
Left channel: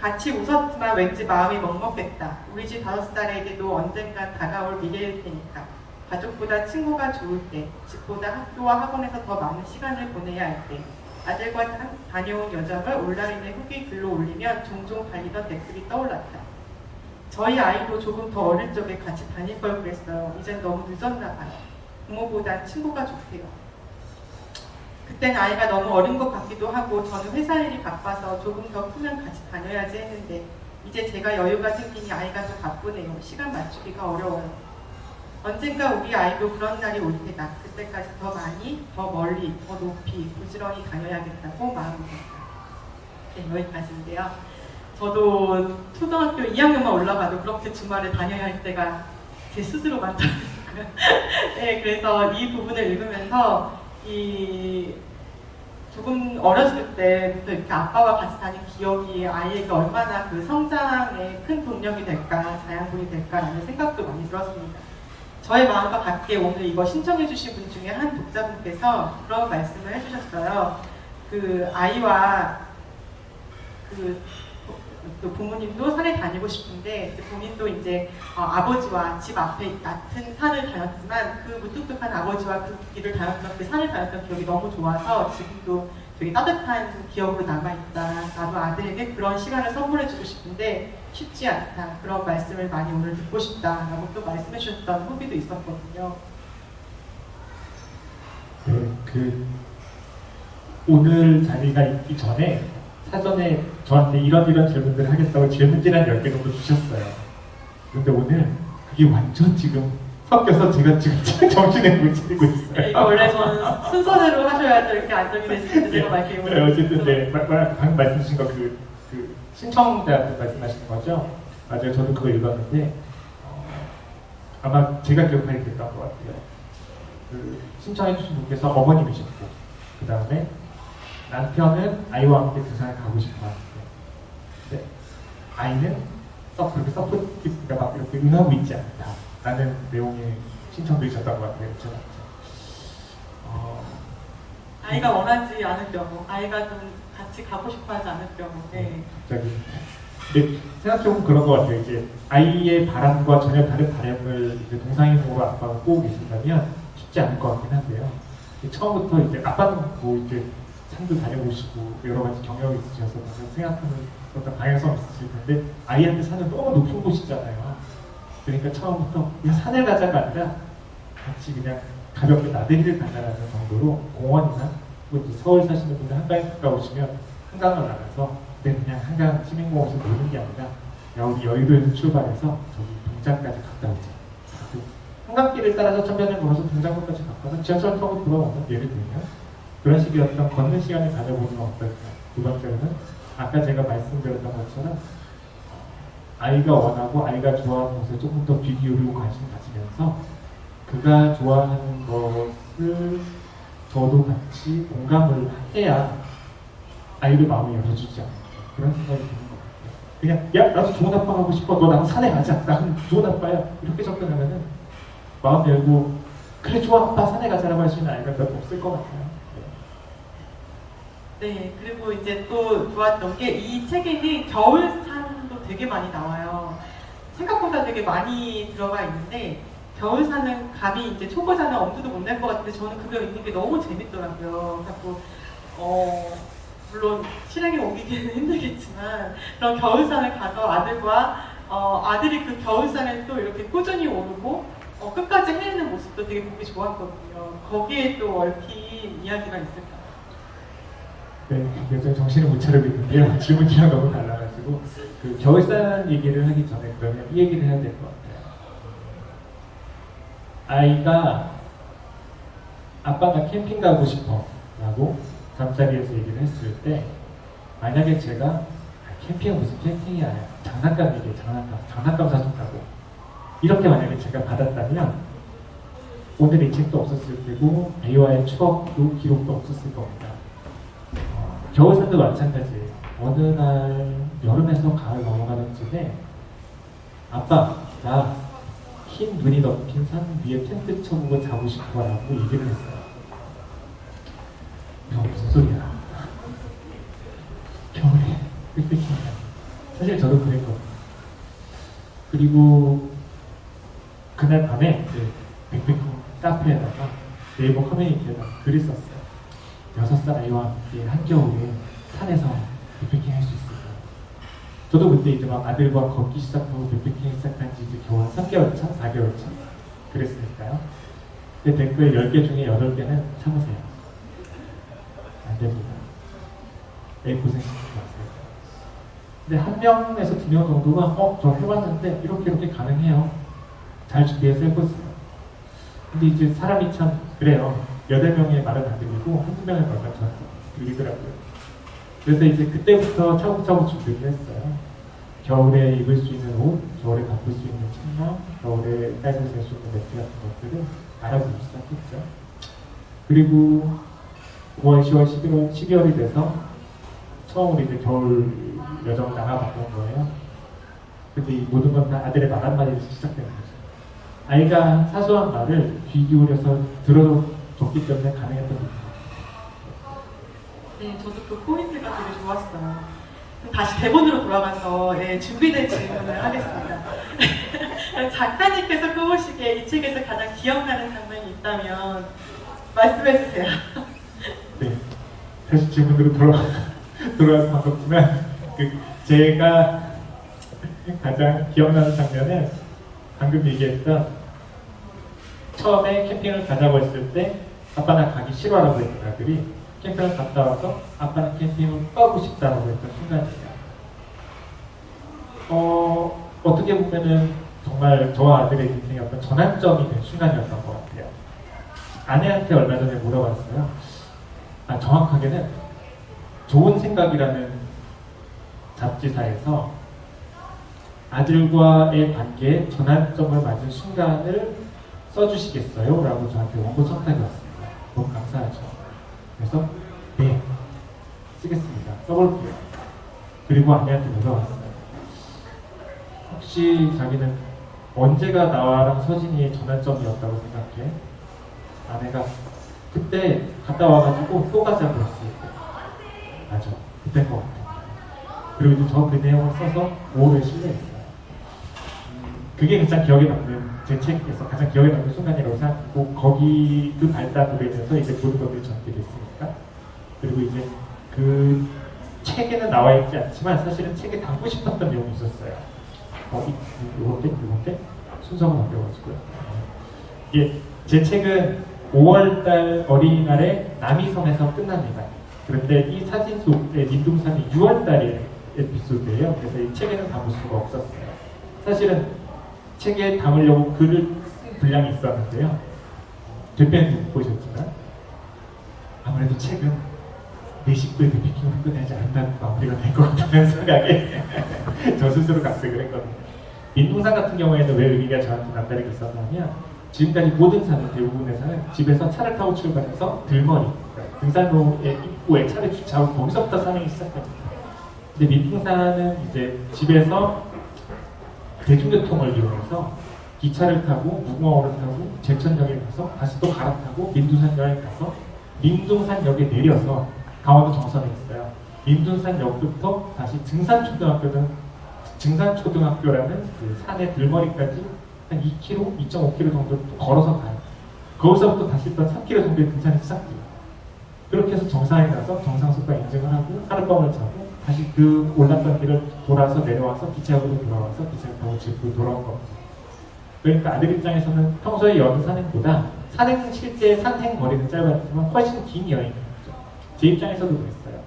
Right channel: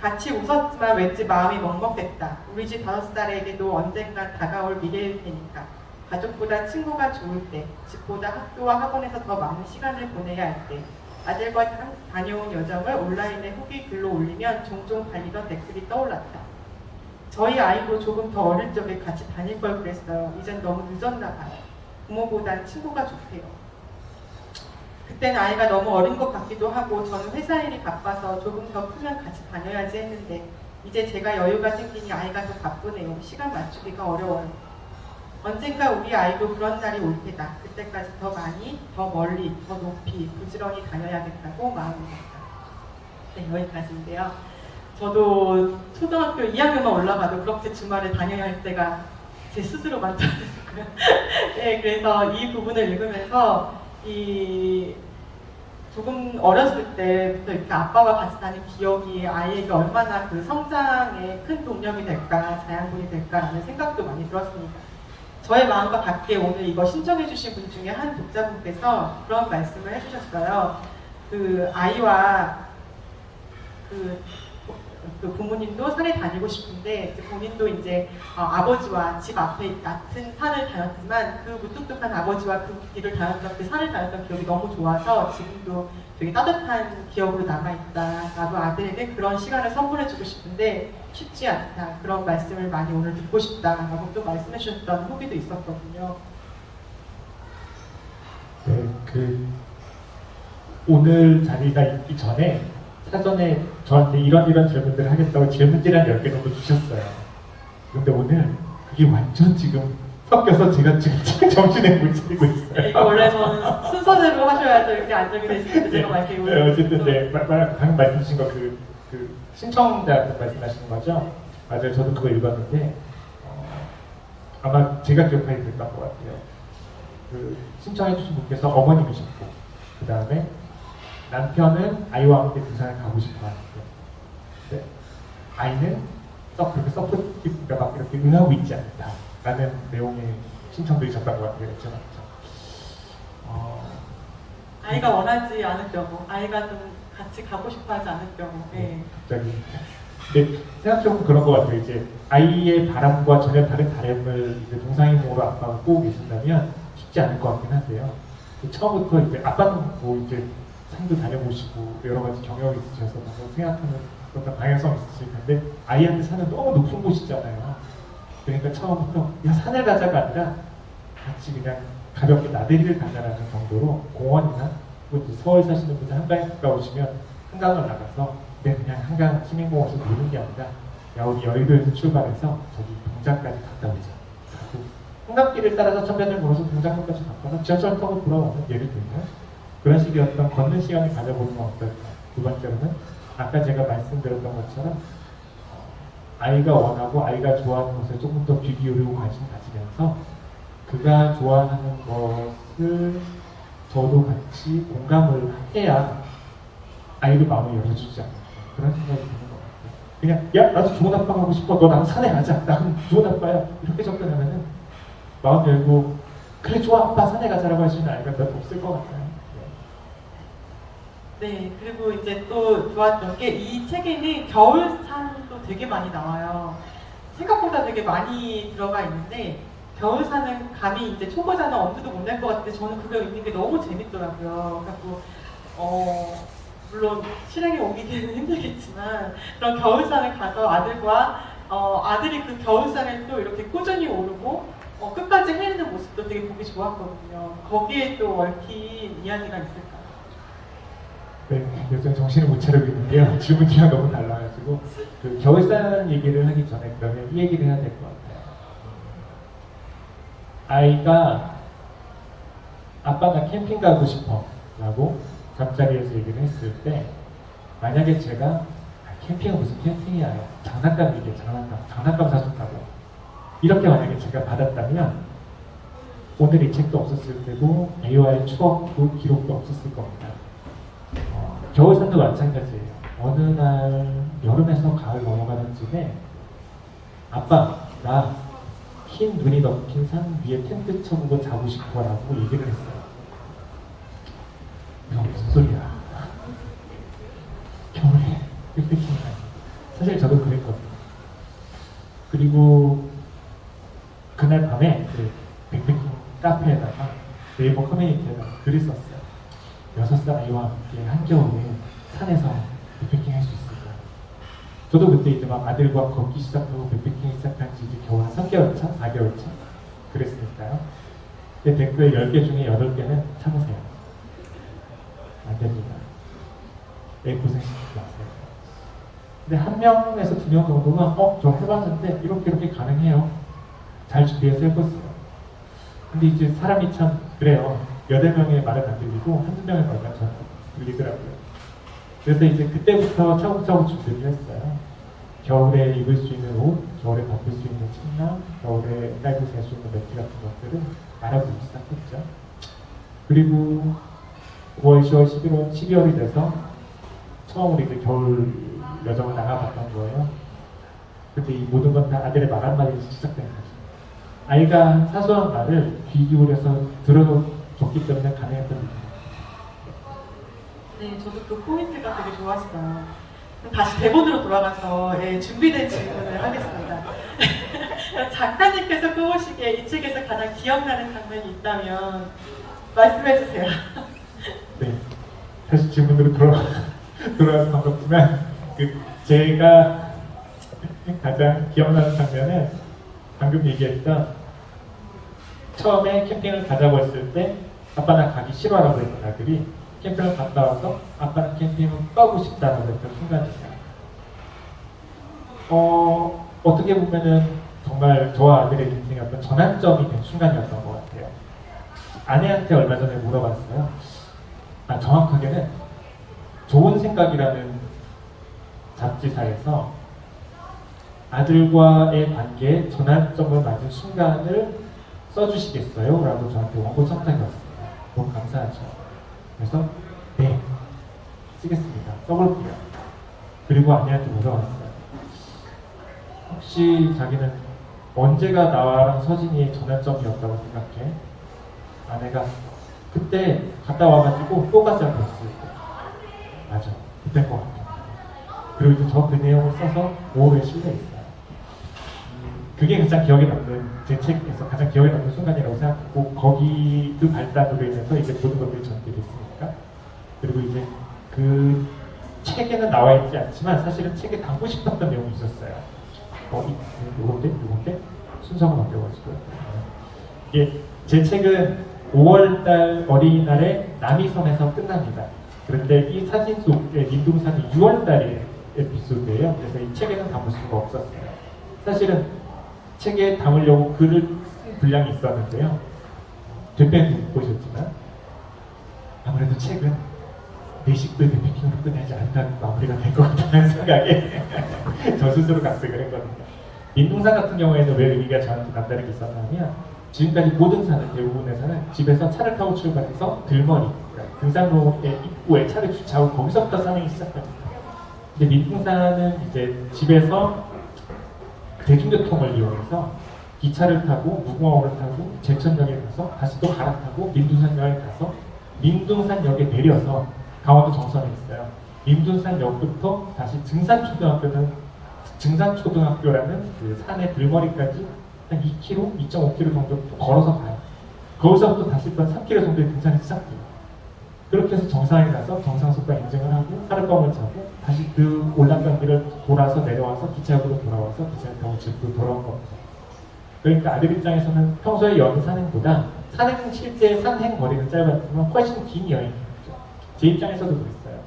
같이 웃었지만 왠지 마음이 먹먹했다. 우리 집 5살에게도 언젠간 다가올 미래일 테니까. 가족보다 친구가 좋을 때, 집보다 학교와 학원에서 더 많은 시간을 보내야 할 때, 아들과 다녀온 여정을 온라인에 후기 글로 올리면 종종 달리던 댓글이 떠올랐다. 저희 아이도 조금 더 어릴 적에 같이 다닐 걸 그랬어요. 이젠 너무 늦었나 봐요. 부모보단 친구가 좋대요. 그땐 아이가 너무 어린 것 같기도 하고 저는 회사 일이 바빠서 조금 더 크면 같이 다녀야지 했는데 이제 제가 여유가 생기니 아이가 더 바쁘네요. 시간 맞추기가 어려워요. 언젠가 우리 아이도 그런 날이 올 테다. 그때까지 더 많이, 더 멀리, 더 높이 부지런히 다녀야겠다고 마음먹었다. 네, 여기까지인데요. 저도 초등학교 2학년만 올라가도 그렇게 주말에 다녀야 할 때가 제 스스로 많더라고요. 네, 그래서 이 부분을 읽으면서 조금 어렸을 때부터 이렇게 아빠와 같이 다닌 기억이 아이에게 얼마나 그 성장에 큰 동력이 될까, 자양분이 될까라는 생각도 많이 들었습니다. 저의 마음과 같게 오늘 이거 신청해주신 분 중에 한 독자분께서 그런 말씀을 해주셨어요. 그 아이와 또 부모님도 산에 다니고 싶은데 본인도 이제 아버지와 집 앞에 같은 산을 다녔지만 그 무뚝뚝한 아버지와 그 길을 다녔던 그 산을 다녔던 기억이 너무 좋아서 지금도 되게 따뜻한 기억으로 남아있다. 나도 아들에게 그런 시간을 선물해주고 싶은데 쉽지 않다. 그런 말씀을 많이 오늘 듣고 싶다라고 또 말씀해 주셨던 후기도 있었거든요. 네, 오늘 자리가 있기 전에 사전에 저한테 이런 질문들을 하겠다고 질문지 한 10개 정도 주셨어요. 근데 오늘 그게 완전 지금 섞여서 제가 지금 정신에 못 차리고 있어요. 네, 이거 원래 저는 순서대로 하셔야죠. 이렇게 안정이 되시는데 제가 막 이렇게 네, 어쨌든 네, 방금 말씀 주신 거 그 신청자분 말씀하시는 거죠? 맞아요. 저도 그거 읽었는데 아마 제가 기억하게 됐던 것 같아요. 그 신청해 주신 분께서 어머님이셨고 그 다음에 남편은 아이와 함께 등산을 가고 싶어 하는데 네. 아이는 그렇게 서포트가 막 이렇게 응하고 있지 않다라는 내용의 신청도 있었던 것 같아요. 그렇죠? 아이가 원하지 않을 경우, 아이가 좀 같이 가고 싶어하지 않을 경우. 네. 근데 생각해보면 그런 것 같아요. 이제 아이의 바람과 전혀 다른 바람을 이제 동상이몽으로 아빠가 꼬고 계신다면 쉽지 않을 것 같긴 한데요. 처음부터 이제 아빠는 뭐 이제 산도 다녀보시고 여러 가지 경력이 있으셔서 생각하는 어떤 방향성이 있으실 텐데 아이한테 산은 너무 높은 곳이잖아요. 그러니까 처음부터 그냥 산에 가자가 아니라 같이 그냥 가볍게 나들이를 간다는 정도로 공원이나 서울 사시는 분들 한강에 갔다 오시면 한강을 나가서 그냥 한강 시민공원에서 노는 게 아니라 야 우리 여의도에서 출발해서 저기 동작까지 갔다 오자. 한강길을 따라서 천변을 걸어서 동작로까지 갔다가 지하철 타고 돌아오는 예를 들면 그런 식의 어떤 걷는 시간을 가져보는 건 어떨까. 두 번째로는 아까 제가 말씀드렸던 것처럼 아이가 원하고 아이가 좋아하는 것을 조금 더 귀 기울이고 관심 가지면서 그가 좋아하는 것을 저도 같이 공감을 해야 아이의 마음을 열어주지 않을까 그런 생각이 드는 것 같아요. 그냥 야 나도 좋은 아빠 하고 싶어 너 나랑 산에 가자 나는 좋은 아빠야 이렇게 접근하면은 마음 열고 그래 좋아 아빠 산에 가자라고 할 수 있는 아이가 몇 없을 것 같아요. 네, 그리고 이제 또 좋았던 게 이 책에는 겨울산도 되게 많이 나와요. 생각보다 되게 많이 들어가 있는데 겨울산은 감히 이제 초보자는 엄두도 못 낼 것 같은데 저는 그거 읽는 게 너무 재밌더라고요. 그래갖고 물론 실행에 옮기기는 힘들겠지만 그런 겨울산을 가서 아들과 아들이 그 겨울산을 또 이렇게 꾸준히 오르고 끝까지 헤매는 모습도 되게 보기 좋았거든요. 거기에 또 얽힌 이야기가 있을까요? 네, 여전히 정신을 못 차리고 있는데요. 질문이랑 너무 달라가지고 그 겨울산 얘기를 하기 전에 그러면 이 얘기를 해야 될 것 같아요. 아이가 아빠 나 캠핑 가고 싶어 라고 잠자리에서 얘기를 했을 때 만약에 제가 캠핑은 무슨 캠핑이야 장난감 얘기해 장난감 사준다고 이렇게 만약에 제가 받았다면 오늘 이 책도 없었을 테고 아이와의 추억도 기록도 없었을 겁니다. 겨울산도 마찬가지예요. 어느 날 여름에서 가을 넘어가던 쯤에 아빠 나 흰 눈이 덮인 산 위에 텐트 쳐보고 자고 싶어라고 얘기를 했어요. 무슨 소리야? 겨울에 빽빽히 사실 저도 그랬거든요. 그리고 그날 밤에 빽빽히 카페에다가 네이버 커뮤니티에다가 글을 썼어요. 6살 아이와 함께 한겨울에 산에서 빅패킹 할 수 있을까요? 저도 그때 이제 막 아들과 걷기 시작하고 빅패킹 시작한 지 이제 겨우 한 3개월 차, 4개월 차 그랬으니까요. 근데 댓글 10개 중에 8개는 참으세요. 안 됩니다. 애 고생시키지 마세요. 근데 1명에서 2명 정도가 저 해봤는데 이렇게 가능해요. 잘 준비해서 해보세요. 근데 이제 사람이 참 그래요. 8명의 말은 안 들리고 한두 명의 말만 전 들리더라고요. 그래서 이제 그때부터 차곡차곡 준비를 했어요. 겨울에 입을 수 있는 옷, 겨울에 덮을 수 있는 침낭, 겨울에 깔고 잘 수 있는 매트 같은 것들을 알아보기 시작했죠. 그리고 9월, 10월, 11월, 12월이 돼서 처음으로 이제 겨울 여정을 나가봤던 거예요. 근데 이 모든 건 다 아들의 말 한마디에서 시작된 거죠. 아이가 사소한 말을 귀 기울여서 들어줬기 때문에 가능했던 거예요. 네, 저도 그 포인트가 되게 좋았어요. 그럼 다시 대본으로 돌아가서 준비된 질문을 하겠습니다. 작가님께서 꼽으시기에 이 책에서 가장 기억나는 장면이 있다면 말씀해 주세요. 네, 다시 질문으로 돌아가서 반갑지만 제가 가장 기억나는 장면은 방금 얘기했던 처음에 캠핑을 가자고 했을 때 아빠는 가기 싫어라고 했던 아들이 캠핑을 갔다 와서 아빠는 캠핑을 가고 싶다라고 했던 순간입니다. 어떻게 보면은 정말 저와 아들의 인생의 어떤 전환점이 된 순간이었던 것 같아요. 아내한테 얼마 전에 물어봤어요. 정확하게는 좋은 생각이라는 잡지사에서 아들과의 관계에 전환점을 맞은 순간을 써주시겠어요? 라고 저한테 원고 청탁이 왔습니다. 너무 감사하죠. 그래서 네, 쓰겠습니다. 써볼게요. 그리고 아내한테 물어봤어요. 혹시 자기는 언제가 나랑 서진이의 전환점이었다고 생각해? 아내가 그때 갔다 와가지고 또 가자고 했어요. 맞아, 그때인 것 같아요. 그리고 이제 저 그 내용을 써서 5월에 실려있어요. 그게 가장 기억에 남는, 제 책에서 가장 기억에 남는 순간이라고 생각하고, 거기 그 발달으로 인해서 이제 모든 것들이 전개됐으니까. 그리고 이제 그 책에는 나와 있지 않지만 사실은 책에 담고 싶었던 내용이 있었어요. 요건데? 순서가 바뀌어가지고요. 이게 제 책은 5월달 어린이날에 남이섬에서 끝납니다. 그런데 이 사진 속에 민둥산이 6월달에 에피소드예요. 그래서 이 책에는 담을 수가 없었어요. 사실은 책에 담으려고 글을 쓴 분량이 있었는데요. 대표는 못 보셨지만 아무래도 책은 내 식구의 미팅으로 끝내지 않는 마무리가 될 것 같다는 생각에 저 스스로 각색을 했거든요. 민둥산 같은 경우에는 왜 의미가 저한테 남다르게 있었냐면 지금까지 모든 산은 대부분의 산은 집에서 차를 타고 출발해서 들머리 그러니까 등산로의 입구에 차를 주차하고 거기서부터 산행이 시작됩니다. 근데 민둥산은 이제 집에서 대중교통을 이용해서 기차를 타고 무궁화호를 타고 제천역에 가서 다시 또 갈아타고 민둥산역에 가서 민둥산역에 내려서 강원도 정선에 있어요. 민둥산역부터 다시 증산초등학교라는 그 산의 들머리까지 한 2km, 2.5km 정도 또 걸어서 가요. 거기서부터 다시 또 3km 정도의 등산이 시작돼요. 그렇게 해서 정상에 가서 정상석과 인증을 하고 하룻밤을 자고 다시 그 올랐던 길을 돌아서 내려와서 기차역으로 돌아와서 기차를 타고 집으로 돌아온 겁니다. 그러니까 아들 입장에서는 평소에 여는 산행보다 실제 산행 거리는 짧았지만 훨씬 긴 여행이죠. 제 입장에서도 그랬어요.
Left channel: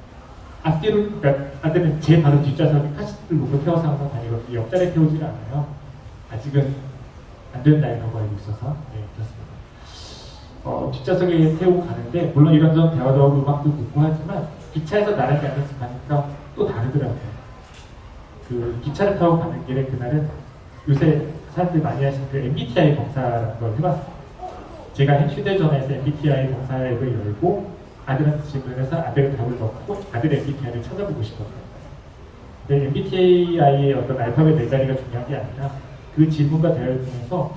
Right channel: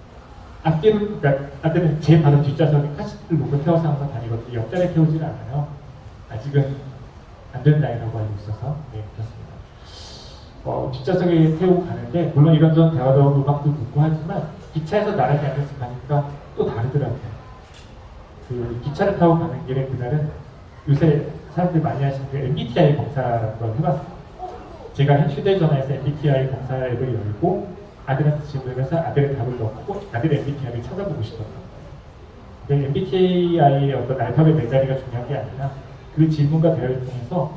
그러니까 아들은 제 바로 뒷좌석에 카시트를 놓고 태워서 항상 다니거든요. 옆자리에 태우지는 않아요. 아직은 안 된 나이라고 알고 있어서 그렇습니다. 뒷좌석에 태우고 가는데 물론 이런저런 대화도 하고 음악도 듣고 하지만 기차에서 나란히 앉아서 가니까 또 다르더라고요. 그 기차를 타고 가는 길에 그날은 요새 사람들 많이 하시는 그 MBTI 검사라는 걸 해봤어요. 제가 휴대전화에서 MBTI 검사 앱을 열고 아들한테 질문해서 아들의 답을 넣고 아들의 MBTI를 찾아보고 싶거든요. 근데 MBTI의 어떤 알파벳 네 자리가 중요한 게 아니라 그 질문과 대화를 통해서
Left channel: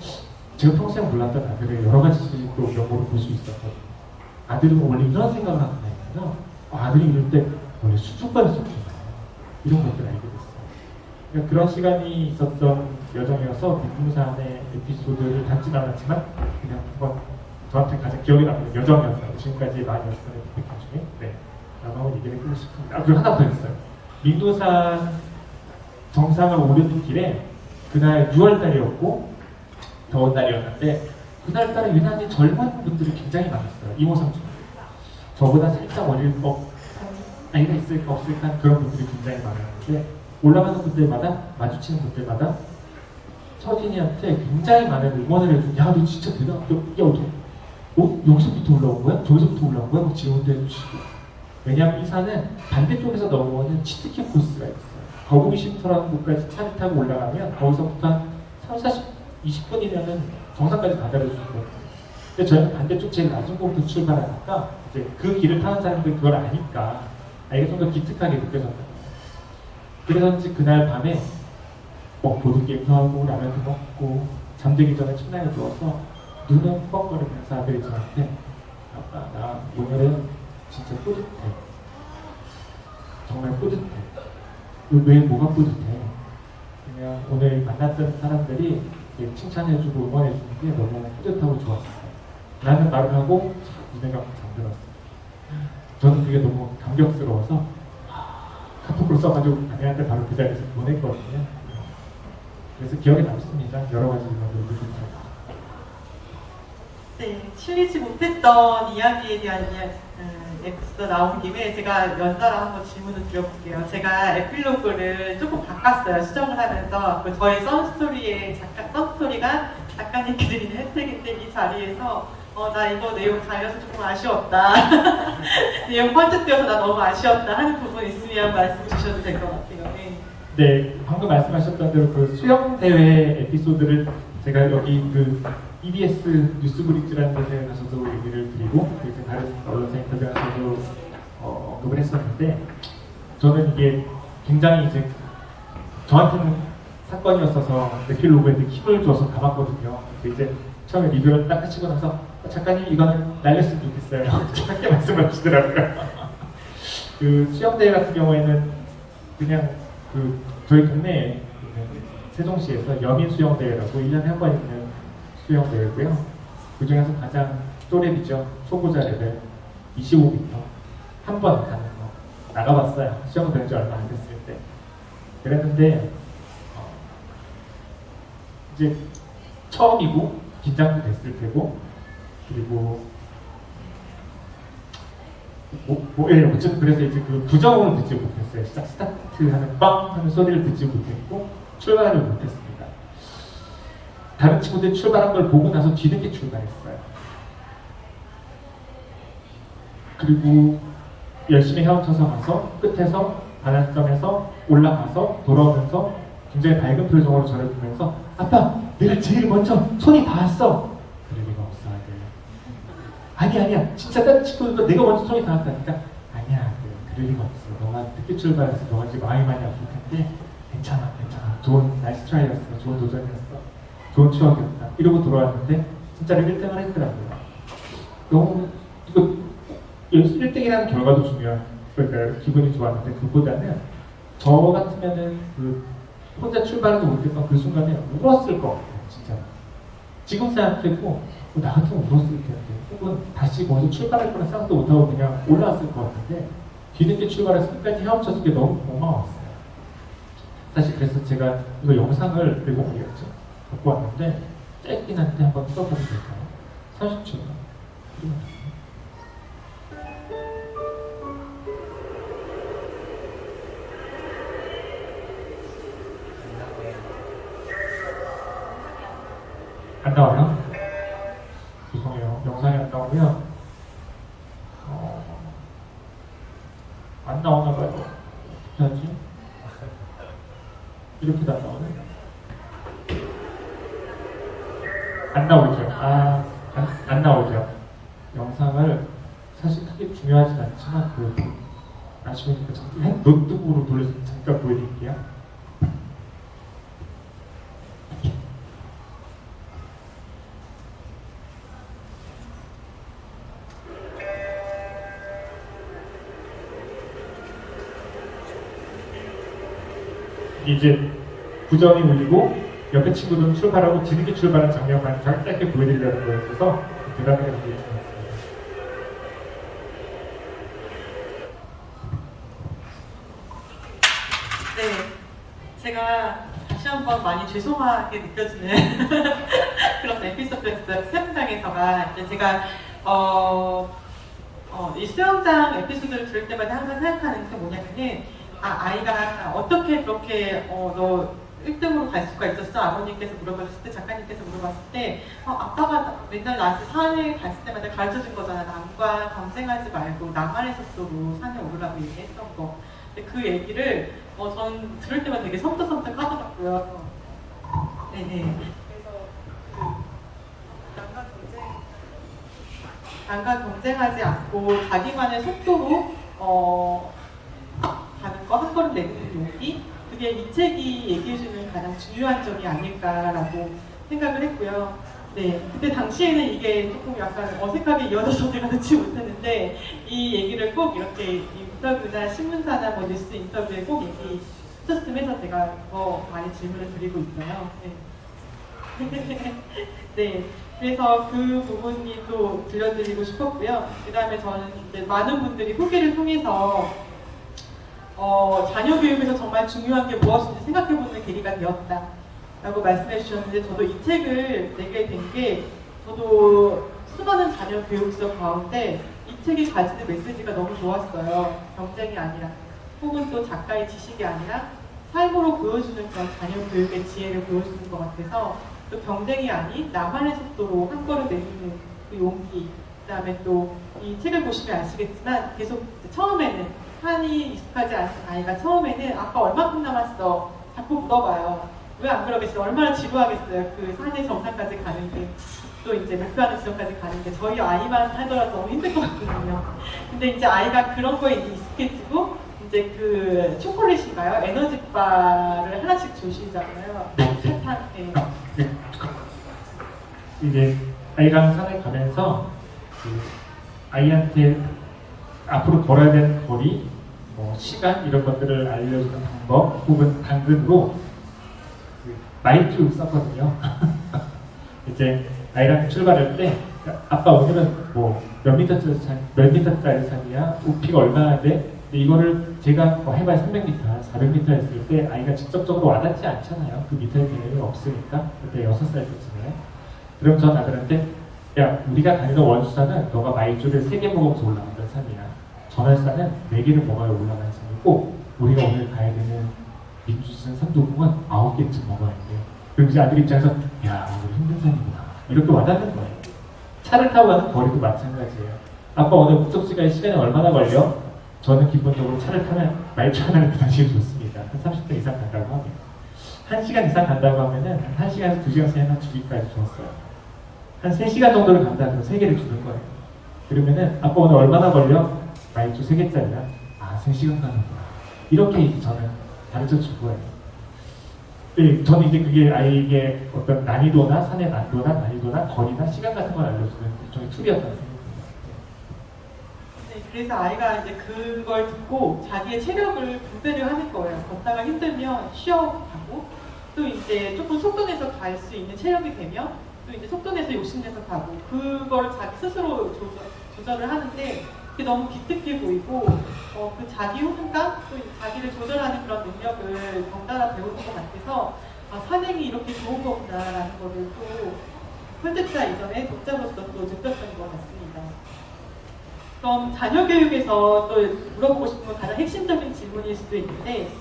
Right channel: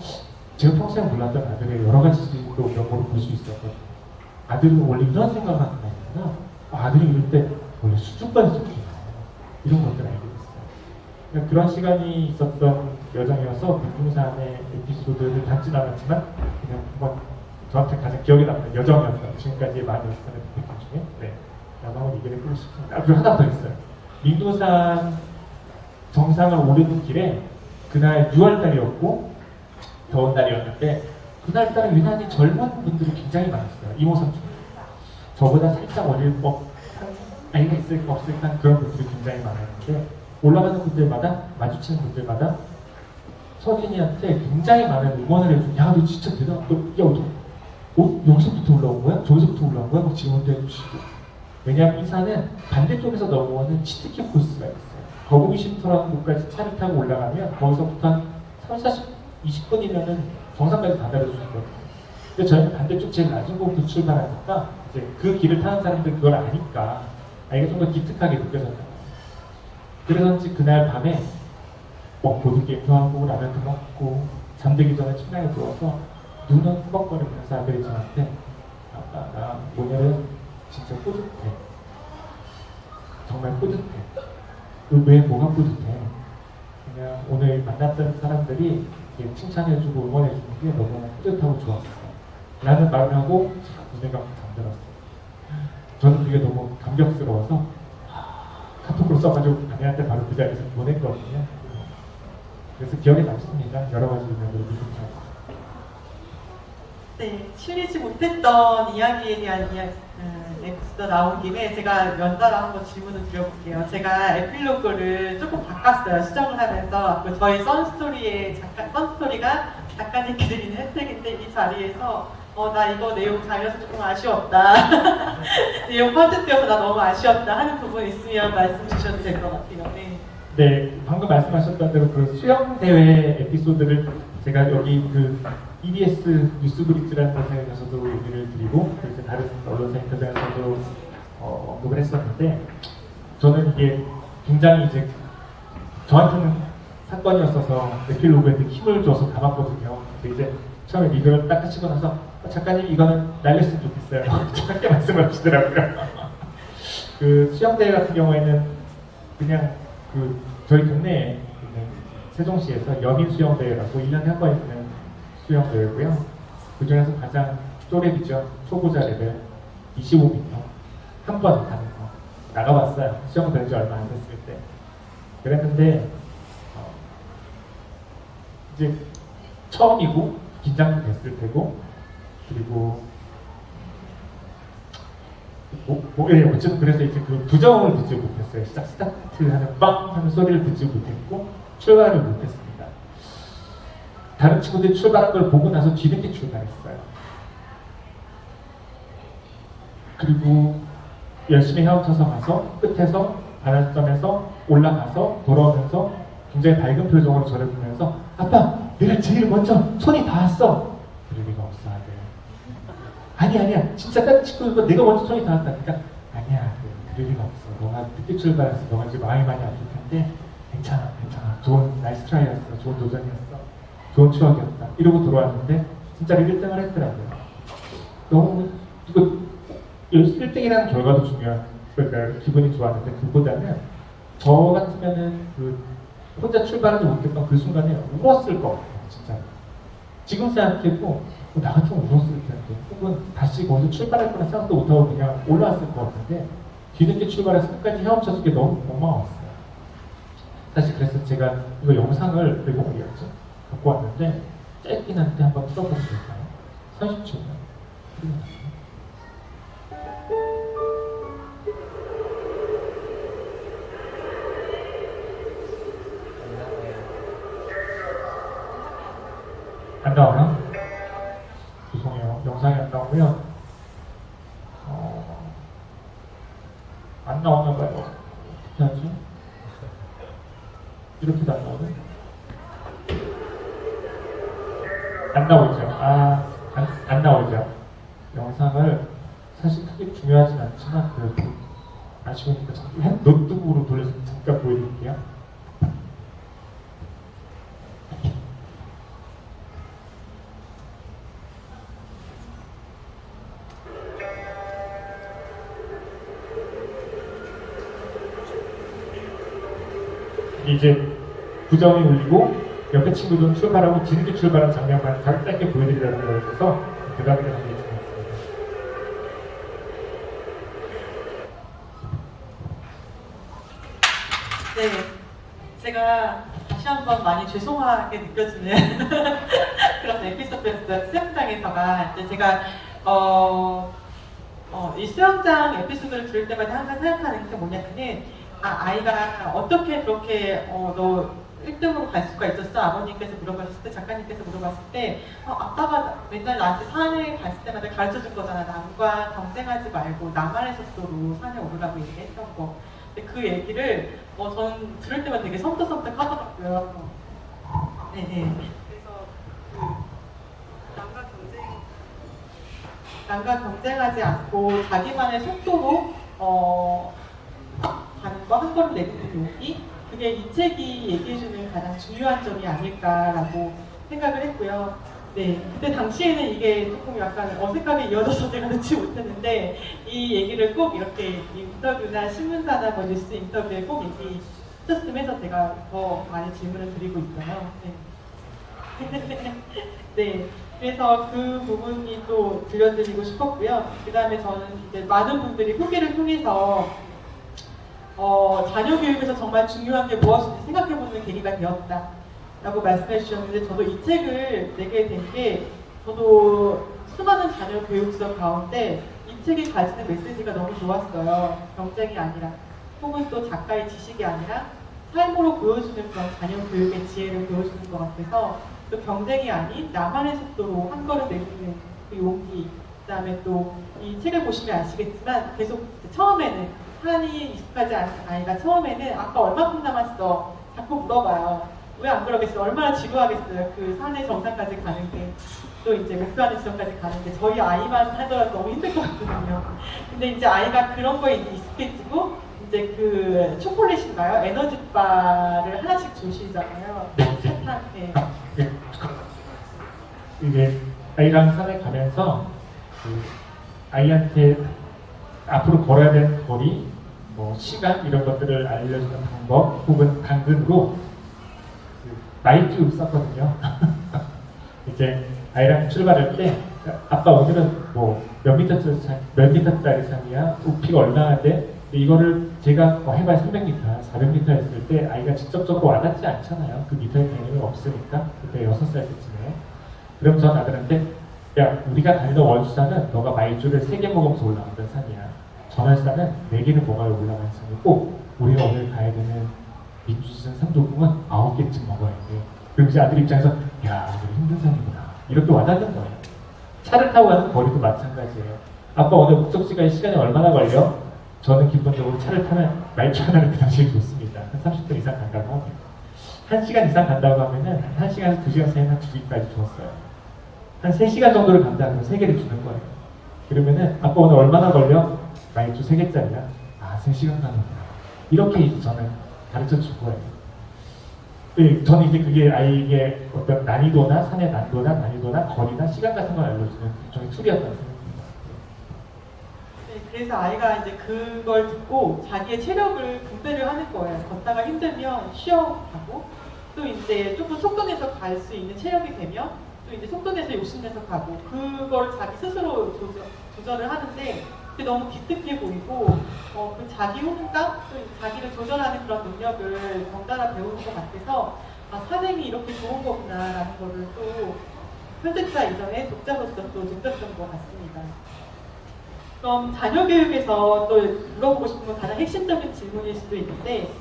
제가 평소에 몰랐던 아들의 여러 가지 또 면모를 볼 수 있었거든요. 아들은 원래 이런 생각을 하는 거구나. 아들이 이럴 때 원래 수줍반스럽구나. 이런 것들을 알게 됐어요. 그러니까 그런 시간이 있었던 여정이어서 민둥산의 에피소드를 담진 않았지만 그냥 한번 저한테 가장 기억에 남는 여정이었어요. 지금까지 많이 왔었던 에피소드 중에 라고 한번 얘기를 해보고 싶습니다. 그리고 하나 더 있어요. 민둥산 정상을 오르는 길에 그날 6월달이었고 더운 날이었는데 그날따라 유난히 젊은 분들이 굉장히 많았어요. 이모삼촌 저보다 살짝 어릴 법한 아이가 있을까 없을까 그런 분들이 굉장히 많았는데 올라가는 분들마다 마주치는 분들마다 서진이한테 굉장히 많은 응원을 해주고 야 너 진짜 대단하다. 여기서부터 올라온 거야? 저기서부터 올라온 거야? 막 지원도 해주시고 왜냐하면 이 산은 반대쪽에서 넘어오는 치트키 코스가 있어요. 거북이 쉼터라는 곳까지 차를 타고 올라가면 거기서부터 한 20분이면은 정상까지 가다를 주거든요. 근데 저희는 반대쪽 제일 낮은 곳부터 출발하니까 이제 그 길을 타는 사람들 그걸 아니까 이게 좀 더 기특하게 느껴졌다. 그래서인지 그날 밤에 보드게임도 하고 라면도 먹고 잠들기 전에 천장에 누워서 눈은 뻑거리면서 아들이 저한테 아빠 나 오늘은 진짜 뿌듯해. 정말 뿌듯해. 왜 뭐가 뿌듯해? 그냥 오늘 만났던 사람들이 칭찬해주고 응원해주는 게 너무 뿌듯하고 좋았어. 라는 말을 하고 눈에 감고 잠들었어. 저는 그게 너무 감격스러워서 카톡으로 써가지고 아내한테 바로 그 자리에서 보냈거든요. 그래서 기억에 남습니다. 여러 가지 면으로 느끼죠. 네, 실리지 못했던 이야기에 대한 에피소드 나온 김에 제가 연달아 한번 질문을 드려볼게요. 제가 에필로그를 조금 바꿨어요. 수정을 하면서 저의 썬스토리가 작가님께 드리는 혜택인데 이 자리에서 나 이거 내용 잘려서 조금 아쉬웠다. 내용 펀트되어서 나 너무 아쉬웠다 하는 부분 있으면 말씀 주셔도 될 것 같아요. 네, 방금 말씀하셨던 대로 그 수영대회 에피소드를 제가 여기 그 EBS 뉴스브리지라는 곳에서도 얘기를 드리고 그렇게 다른 언론사 인터뷰에서도 언급을 했었는데 저는 이게 굉장히 이제 저한테는 사건이었어서 에필로그에 힘을 줘서 담았거든요. 이제 처음에 리뷰를 딱 하시고 나서 작가님 이거는 날렸으면 좋겠어요. 짧게 말씀하시더라고요. 그 수영대회 같은 경우에는 그냥 그 저희 동네에 세종시에서 여민 수영대회라고 1년에 한 번 있는 수영대회고요. 그 중에서 가장 또래이죠. 초보자 레벨 25m 한 번 가는 거 나가봤어요. 수영 된 지 얼마 안 됐을 때. 그랬는데 이제 처음이고 긴장도 됐을 테고 그리고 어쨌든 그래서 이제 그 부정음을 듣지 못했어요. 스타트하는 빵 하는 소리를 듣지 못했고 출발을 못했습니다. 다른 친구들이 출발한 걸 보고 나서 뒤늦게 출발했어요. 그리고 열심히 헤엄쳐서 가서 끝에서 반환점에서 올라가서 돌아오면서 굉장히 밝은 표정으로 저를 보면서 아빠 내가 제일 먼저 손이 닿았어. 그럴 리가 없어 아들. 아니야 진짜 딱 짚어줘도 내가 먼저 손이 닿았다니까 아니야 아들. 그럴 리가 없어. 너가 늦게 출발해서 너가 이제 많이 아플 텐데 괜찮아. 좋은 나이스 트라이였어. 좋은 도전이었어. 좋은 추억이었다. 이러고 돌아왔는데 진짜로 1등을 했더라고요. 너무 이거 1등이라는 결과도 중요한 그러니까 기분이 좋았는데 그보다는 저 같으면은 그 혼자 출발하지 못했던 그 순간에 울었을 것 같아요. 진짜. 지금 생각해도 나 같으면 울었을 텐데 혹은 다시 거기서 출발할 거란 생각도 못하고 그냥 올라왔을 것 같은데 뒤늦게 출발해서 끝까지 헤엄쳐서 그게 너무 고마웠어요. 사실 그래서 제가 이거 영상을 들고 어디였죠? 갖고 왔는데 짧긴 한데 한번 풀어봐도 될까요? 30초. 안 나와요? 죄송해요. 영상이 안 나오면 안 나오나 봐요. 어떻게 하지? 이렇게 나와요? 안 나오죠? 안 나오죠? 영상을 사실 크게 중요하진 않지만 그래도 아쉬우니까 노트북으로 돌려서 잠깐 보여드릴게요. 이제 부정이 울리고 옆에 친구들은 출발하고 뒤늦게 출발한 장면만 짧게 보여드리려는 거여서 대답을 하는 게 있습니다. 네, 제가 다시 한번 많이 죄송하게 느껴지는 그런 에피소드였어요. 수영장에서가 이제 제가 이 수영장 에피소드를 들을 때마다 항상 생각하는 게 뭐냐면은 아이가 어떻게 그렇게 너 1등으로 갈 수가 있었어? 아버님께서 물어봤을 때, 작가님께서 물어봤을 때 아빠가 맨날 나한테 산에 갔을 때마다 가르쳐준 거잖아. 남과 경쟁하지 말고 나만의 속도로 산에 오르라고 얘기했던 거. 근데 그 얘기를 저는 들을 때마다 되게 섬뜩섬뜩 하더라고요. 네네. 그래서 남과 경쟁하지 않고 자기만의 속도로 가는 거, 한 걸음 내딛는 용기, 그게 이 책이 얘기해주는 가장 중요한 점이 아닐까라고 생각을 했고요. 네, 그때 당시에는 이게 조금 약간 어색하게 이어져서 제가 넣지 못했는데 이 얘기를 꼭 이렇게 인터뷰나 신문사나 뭐 뉴스 인터뷰에 꼭 얘기했었으면 해서 제가 더 많이 질문을 드리고 있어요. 네. 네. 그래서 그 부분이 또 들려드리고 싶었고요. 그 다음에 저는 이제 많은 분들이 후기를 통해서 자녀 교육에서 정말 중요한 게 무엇인지 생각해보는 계기가 되었다라고 말씀해 주셨는데 저도 이 책을 내게 된 게 저도 수많은 자녀 교육서 가운데 이 책이 가지는 메시지가 너무 좋았어요. 경쟁이 아니라 혹은 또 작가의 지식이 아니라 삶으로 보여주는 그런 자녀 교육의 지혜를 보여주는 것 같아서 또 경쟁이 아닌 나만의 속도로 한 걸음 내딛는 그 용기, 그 다음에 또 이 책을 보시면 아시겠지만 계속 처음에는 산이 익숙하지 않은 아이가 처음에는 아빠 얼마큼 남았어? 자꾸 물어봐요. 왜 안 그러겠어요? 얼마나 지루하겠어요? 그 산의 정상까지 가는 게, 또 이제 목표하는 지점까지 가는 게 저희 아이만 살더라도 너무 힘들 것 같거든요. 근데 이제 아이가 그런 거에 이제 익숙해지고 이제 그 초콜릿인가요? 에너지바를 하나씩 주시잖아요. 사탕. 네. 이제 아이랑 산에 가면서 아이한테 앞으로 걸어야 되는 거리, 시간 이런 것들을 알려주는 방법 혹은 당근으로 마일줄 썼거든요. 이제 아이랑 출발할 때 아빠 오늘은 몇 미터짜리 산이야? 높이가 얼마나 돼? 이거를 제가 해봐야 300m, 400m 했을 때 아이가 직접적으로 와닿지 않잖아요. 그 미터의 개념이 없으니까. 그때 6살 때쯤에. 그럼 전 아들한테 야, 우리가 다니던 원수산은 너가 마일줄을 3개 먹으면서 올라갔던 산이야. 전월산은 4개를 먹어야 올라가는 산이고 우리가 오늘 가야 되는 민주시장 삼도공은 9개쯤 먹어야 돼. 그럼 이제 아들 입장에서 야, 오늘 힘든 산이구나. 이렇게 와닿는 거예요. 차를 타고 가는 거리도 마찬가지예요. 아빠 오늘 목적지까지 시간이 얼마나 걸려? 저는 기본적으로 차를 타면 말차 하나를 그 당시에 좋습니다. 한 30분 이상 간다고 하고 1시간 이상 간다고 하면은 한 1시간에서 2시간 사이에 한 2개까지 줬어요. 한 3시간 정도를 간다 그러면 3개를 주는 거예요. 그러면은 아빠 오늘 얼마나 걸려? 말주 3개짜리야. 아 3시간 가는구나. 이렇게 이제 저는 가르쳐 준 거예요. 네, 저는 이제 그게 아이에게 어떤 난이도나 산의 난이도나 거리나 시간 같은 걸 알려주는 저희 툴이었다고 생각합니다. 네, 그래서 아이가 이제 그걸 듣고 자기의 체력을 분배를 하는 거예요. 걷다가 힘들면 쉬어가고 또 이제 조금 속도내서 갈 수 있는 체력이 되면 또 이제 속도내서 욕심내서 가고 그걸 자기 스스로 조절을 하는데 그게 너무 기특해 보이고 그 자기 호응감 또 자기를 조절하는 그런 능력을 덩달아 배우는 것 같아서 아, 산행이 이렇게 좋은 거구나라는 거를 또 선택자 이전에 독자로서 또 느꼈던 것 같습니다. 그럼 자녀 교육에서 또 물어보고 싶은 건 가장 핵심적인 질문일 수도 있는데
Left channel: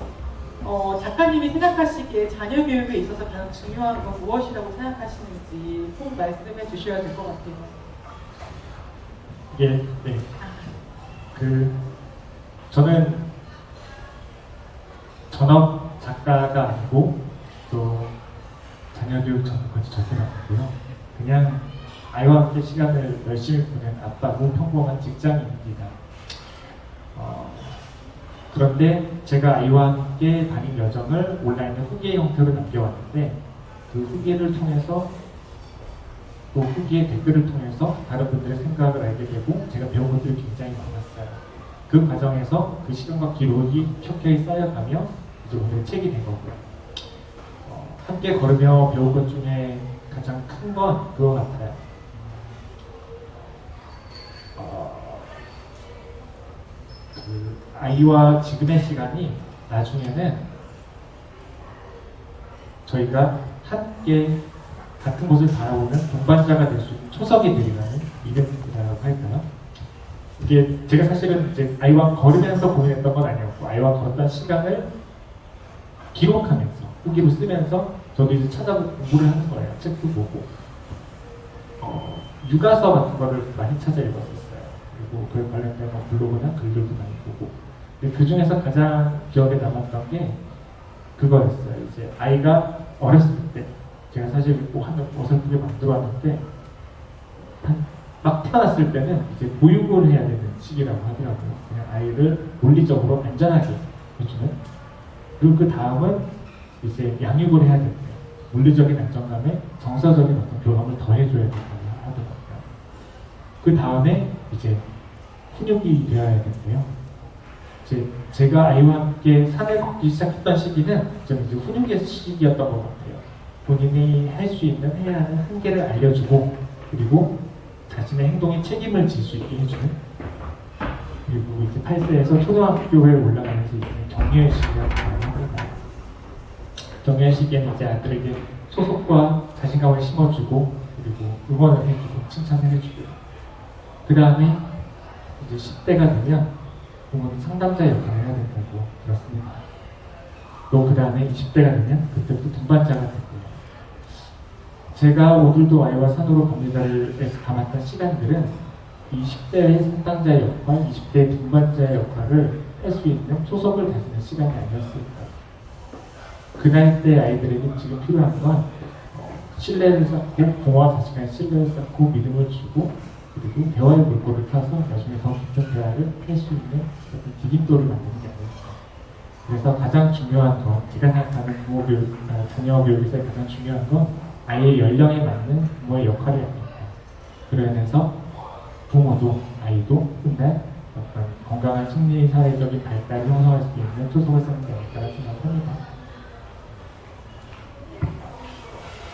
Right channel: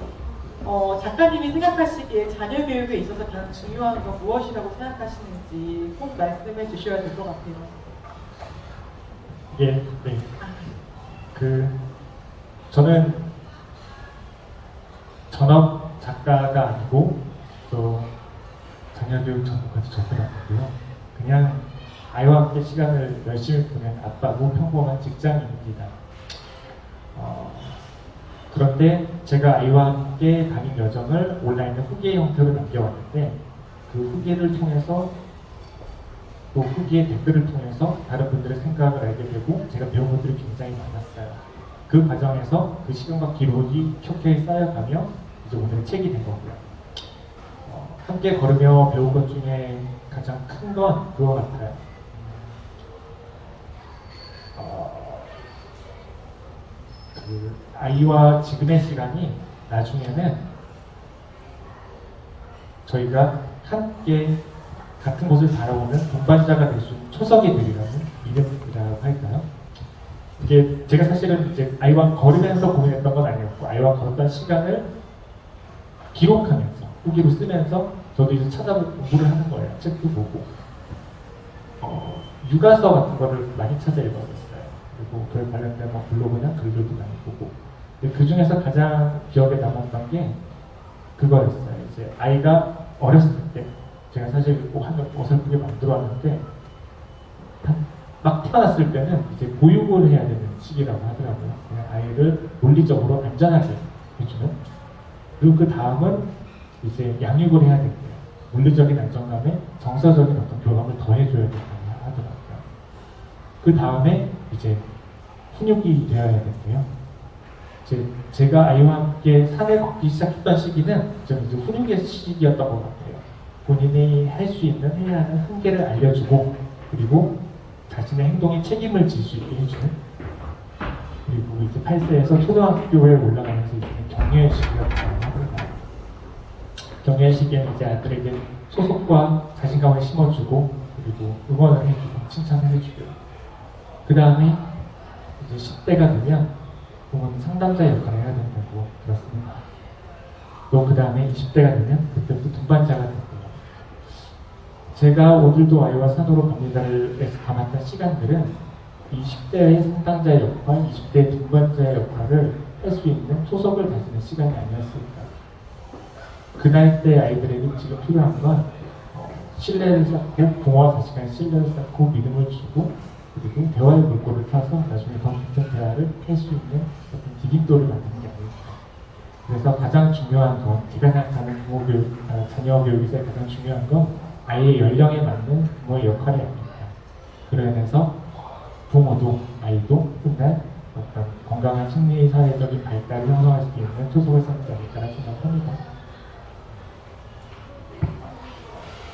작가님이 생각하시기에 자녀 교육에 있어서 가장 중요한 건 무엇이라고 생각하시는지 꼭 말씀해 주셔야 될 것 같아요. 예, 네. 저는 전업 작가가 아니고 또 자녀 교육 전문까지 절대 못하고요. 그냥 아이와 함께 시간을 열심히 보낸 아빠고 평범한 직장인입니다. 그런데 제가 아이와 함께 다닌 여정을 온라인의 후기 형태로 남겨왔는데 그 후기를 통해서 또 후기의 댓글을 통해서 다른 분들의 생각을 알게 되고 제가 배운 것들이 굉장히 많았어요. 그 과정에서 그 시간과 기록이 켜켜이 쌓여가며 이제 오늘 책이 된 거고요. 함께 걸으며 배운 것 중에 가장 큰 건 그거 같아요. 그 아이와 지금의 시간이 나중에는 저희가 함께 같은 곳을 살아오는 동반자가 될 수 있는 초석이 되리라는 이벤트라고 할까요? 이게 제가 사실은 이제 아이와 걸으면서 고민했던 건 아니었고 아이와 걸었던 시간을 기록하면서 후기로 쓰면서 저도 이제 찾아보고 공부를 하는 거예요. 책도 보고 육아서 같은 거를 많이 찾아 읽었었어요. 그리고 그에 관련된 블로그나 글들도 많이 보고 근데 그 중에서 가장 기억에 남았던 게 그거였어요. 이제 아이가 어렸을 때 제가 사실 한 어설프게 만들어왔는데 막 태어났을 때는 이제 보육을 해야 되는 시기라고 하더라고요. 아이를 물리적으로 안전하게 해주는 그리고 그 다음은 이제 양육을 해야 된대요. 물리적인 안정감에 정서적인 어떤 교감을 더해줘야 된다고 하더라고요. 그 다음에 이제 훈육이 되어야 된대요. 제가 아이와 함께 산을 걷기 시작했던 시기는 좀 이제 훈육의 시기였던 것 같아요. 본인이 할 수 있는 해야 하는 한계를 알려주고 그리고 자신의 행동에 책임을 질 수 있게 해주는 그리고 이제 8세에서 초등학교에 올라가면서 이제 격려의 시기라고 합니다. 격려의 시기에는 이제 아이들에게 소속과 자신감을 심어주고 그리고 응원을 해주고 칭찬을 해주고요. 그 다음에 이제 10대가 되면 부모는 상담자 역할을 해야 된다고 들었습니다. 또 그 다음에 20대가 되면 그때부터 동반자가 되고요. 제가 오늘도 아이와 산으로 갑니다를에서 담았던 시간들은 이 10대의 상담자의 역할, 20대의 동반자의 역할을 할 수 있는 초석을 다지는 시간이 아니었을까요? 그 나이 때 아이들에게 지금 필요한 건 신뢰를 쌓고 부모와 자식 간의 신뢰를 쌓고 믿음을 주고 그리고 대화의 물꼬를 타서 나중에 더 깊은 대화를 할 수 있는 어떤 디딤돌을 만드는 게 아닐까. 그래서 가장 중요한 건 제가 생각하는 자녀 교육에서 가장 중요한 건 아이의 연령에 맞는 부모의 역할이 아닐까. 그러면서 부모도 아이도 훗날 어떤 건강한 심리 사회적인 발달을 형성할 수 있는 초석을 쌓지 않을까.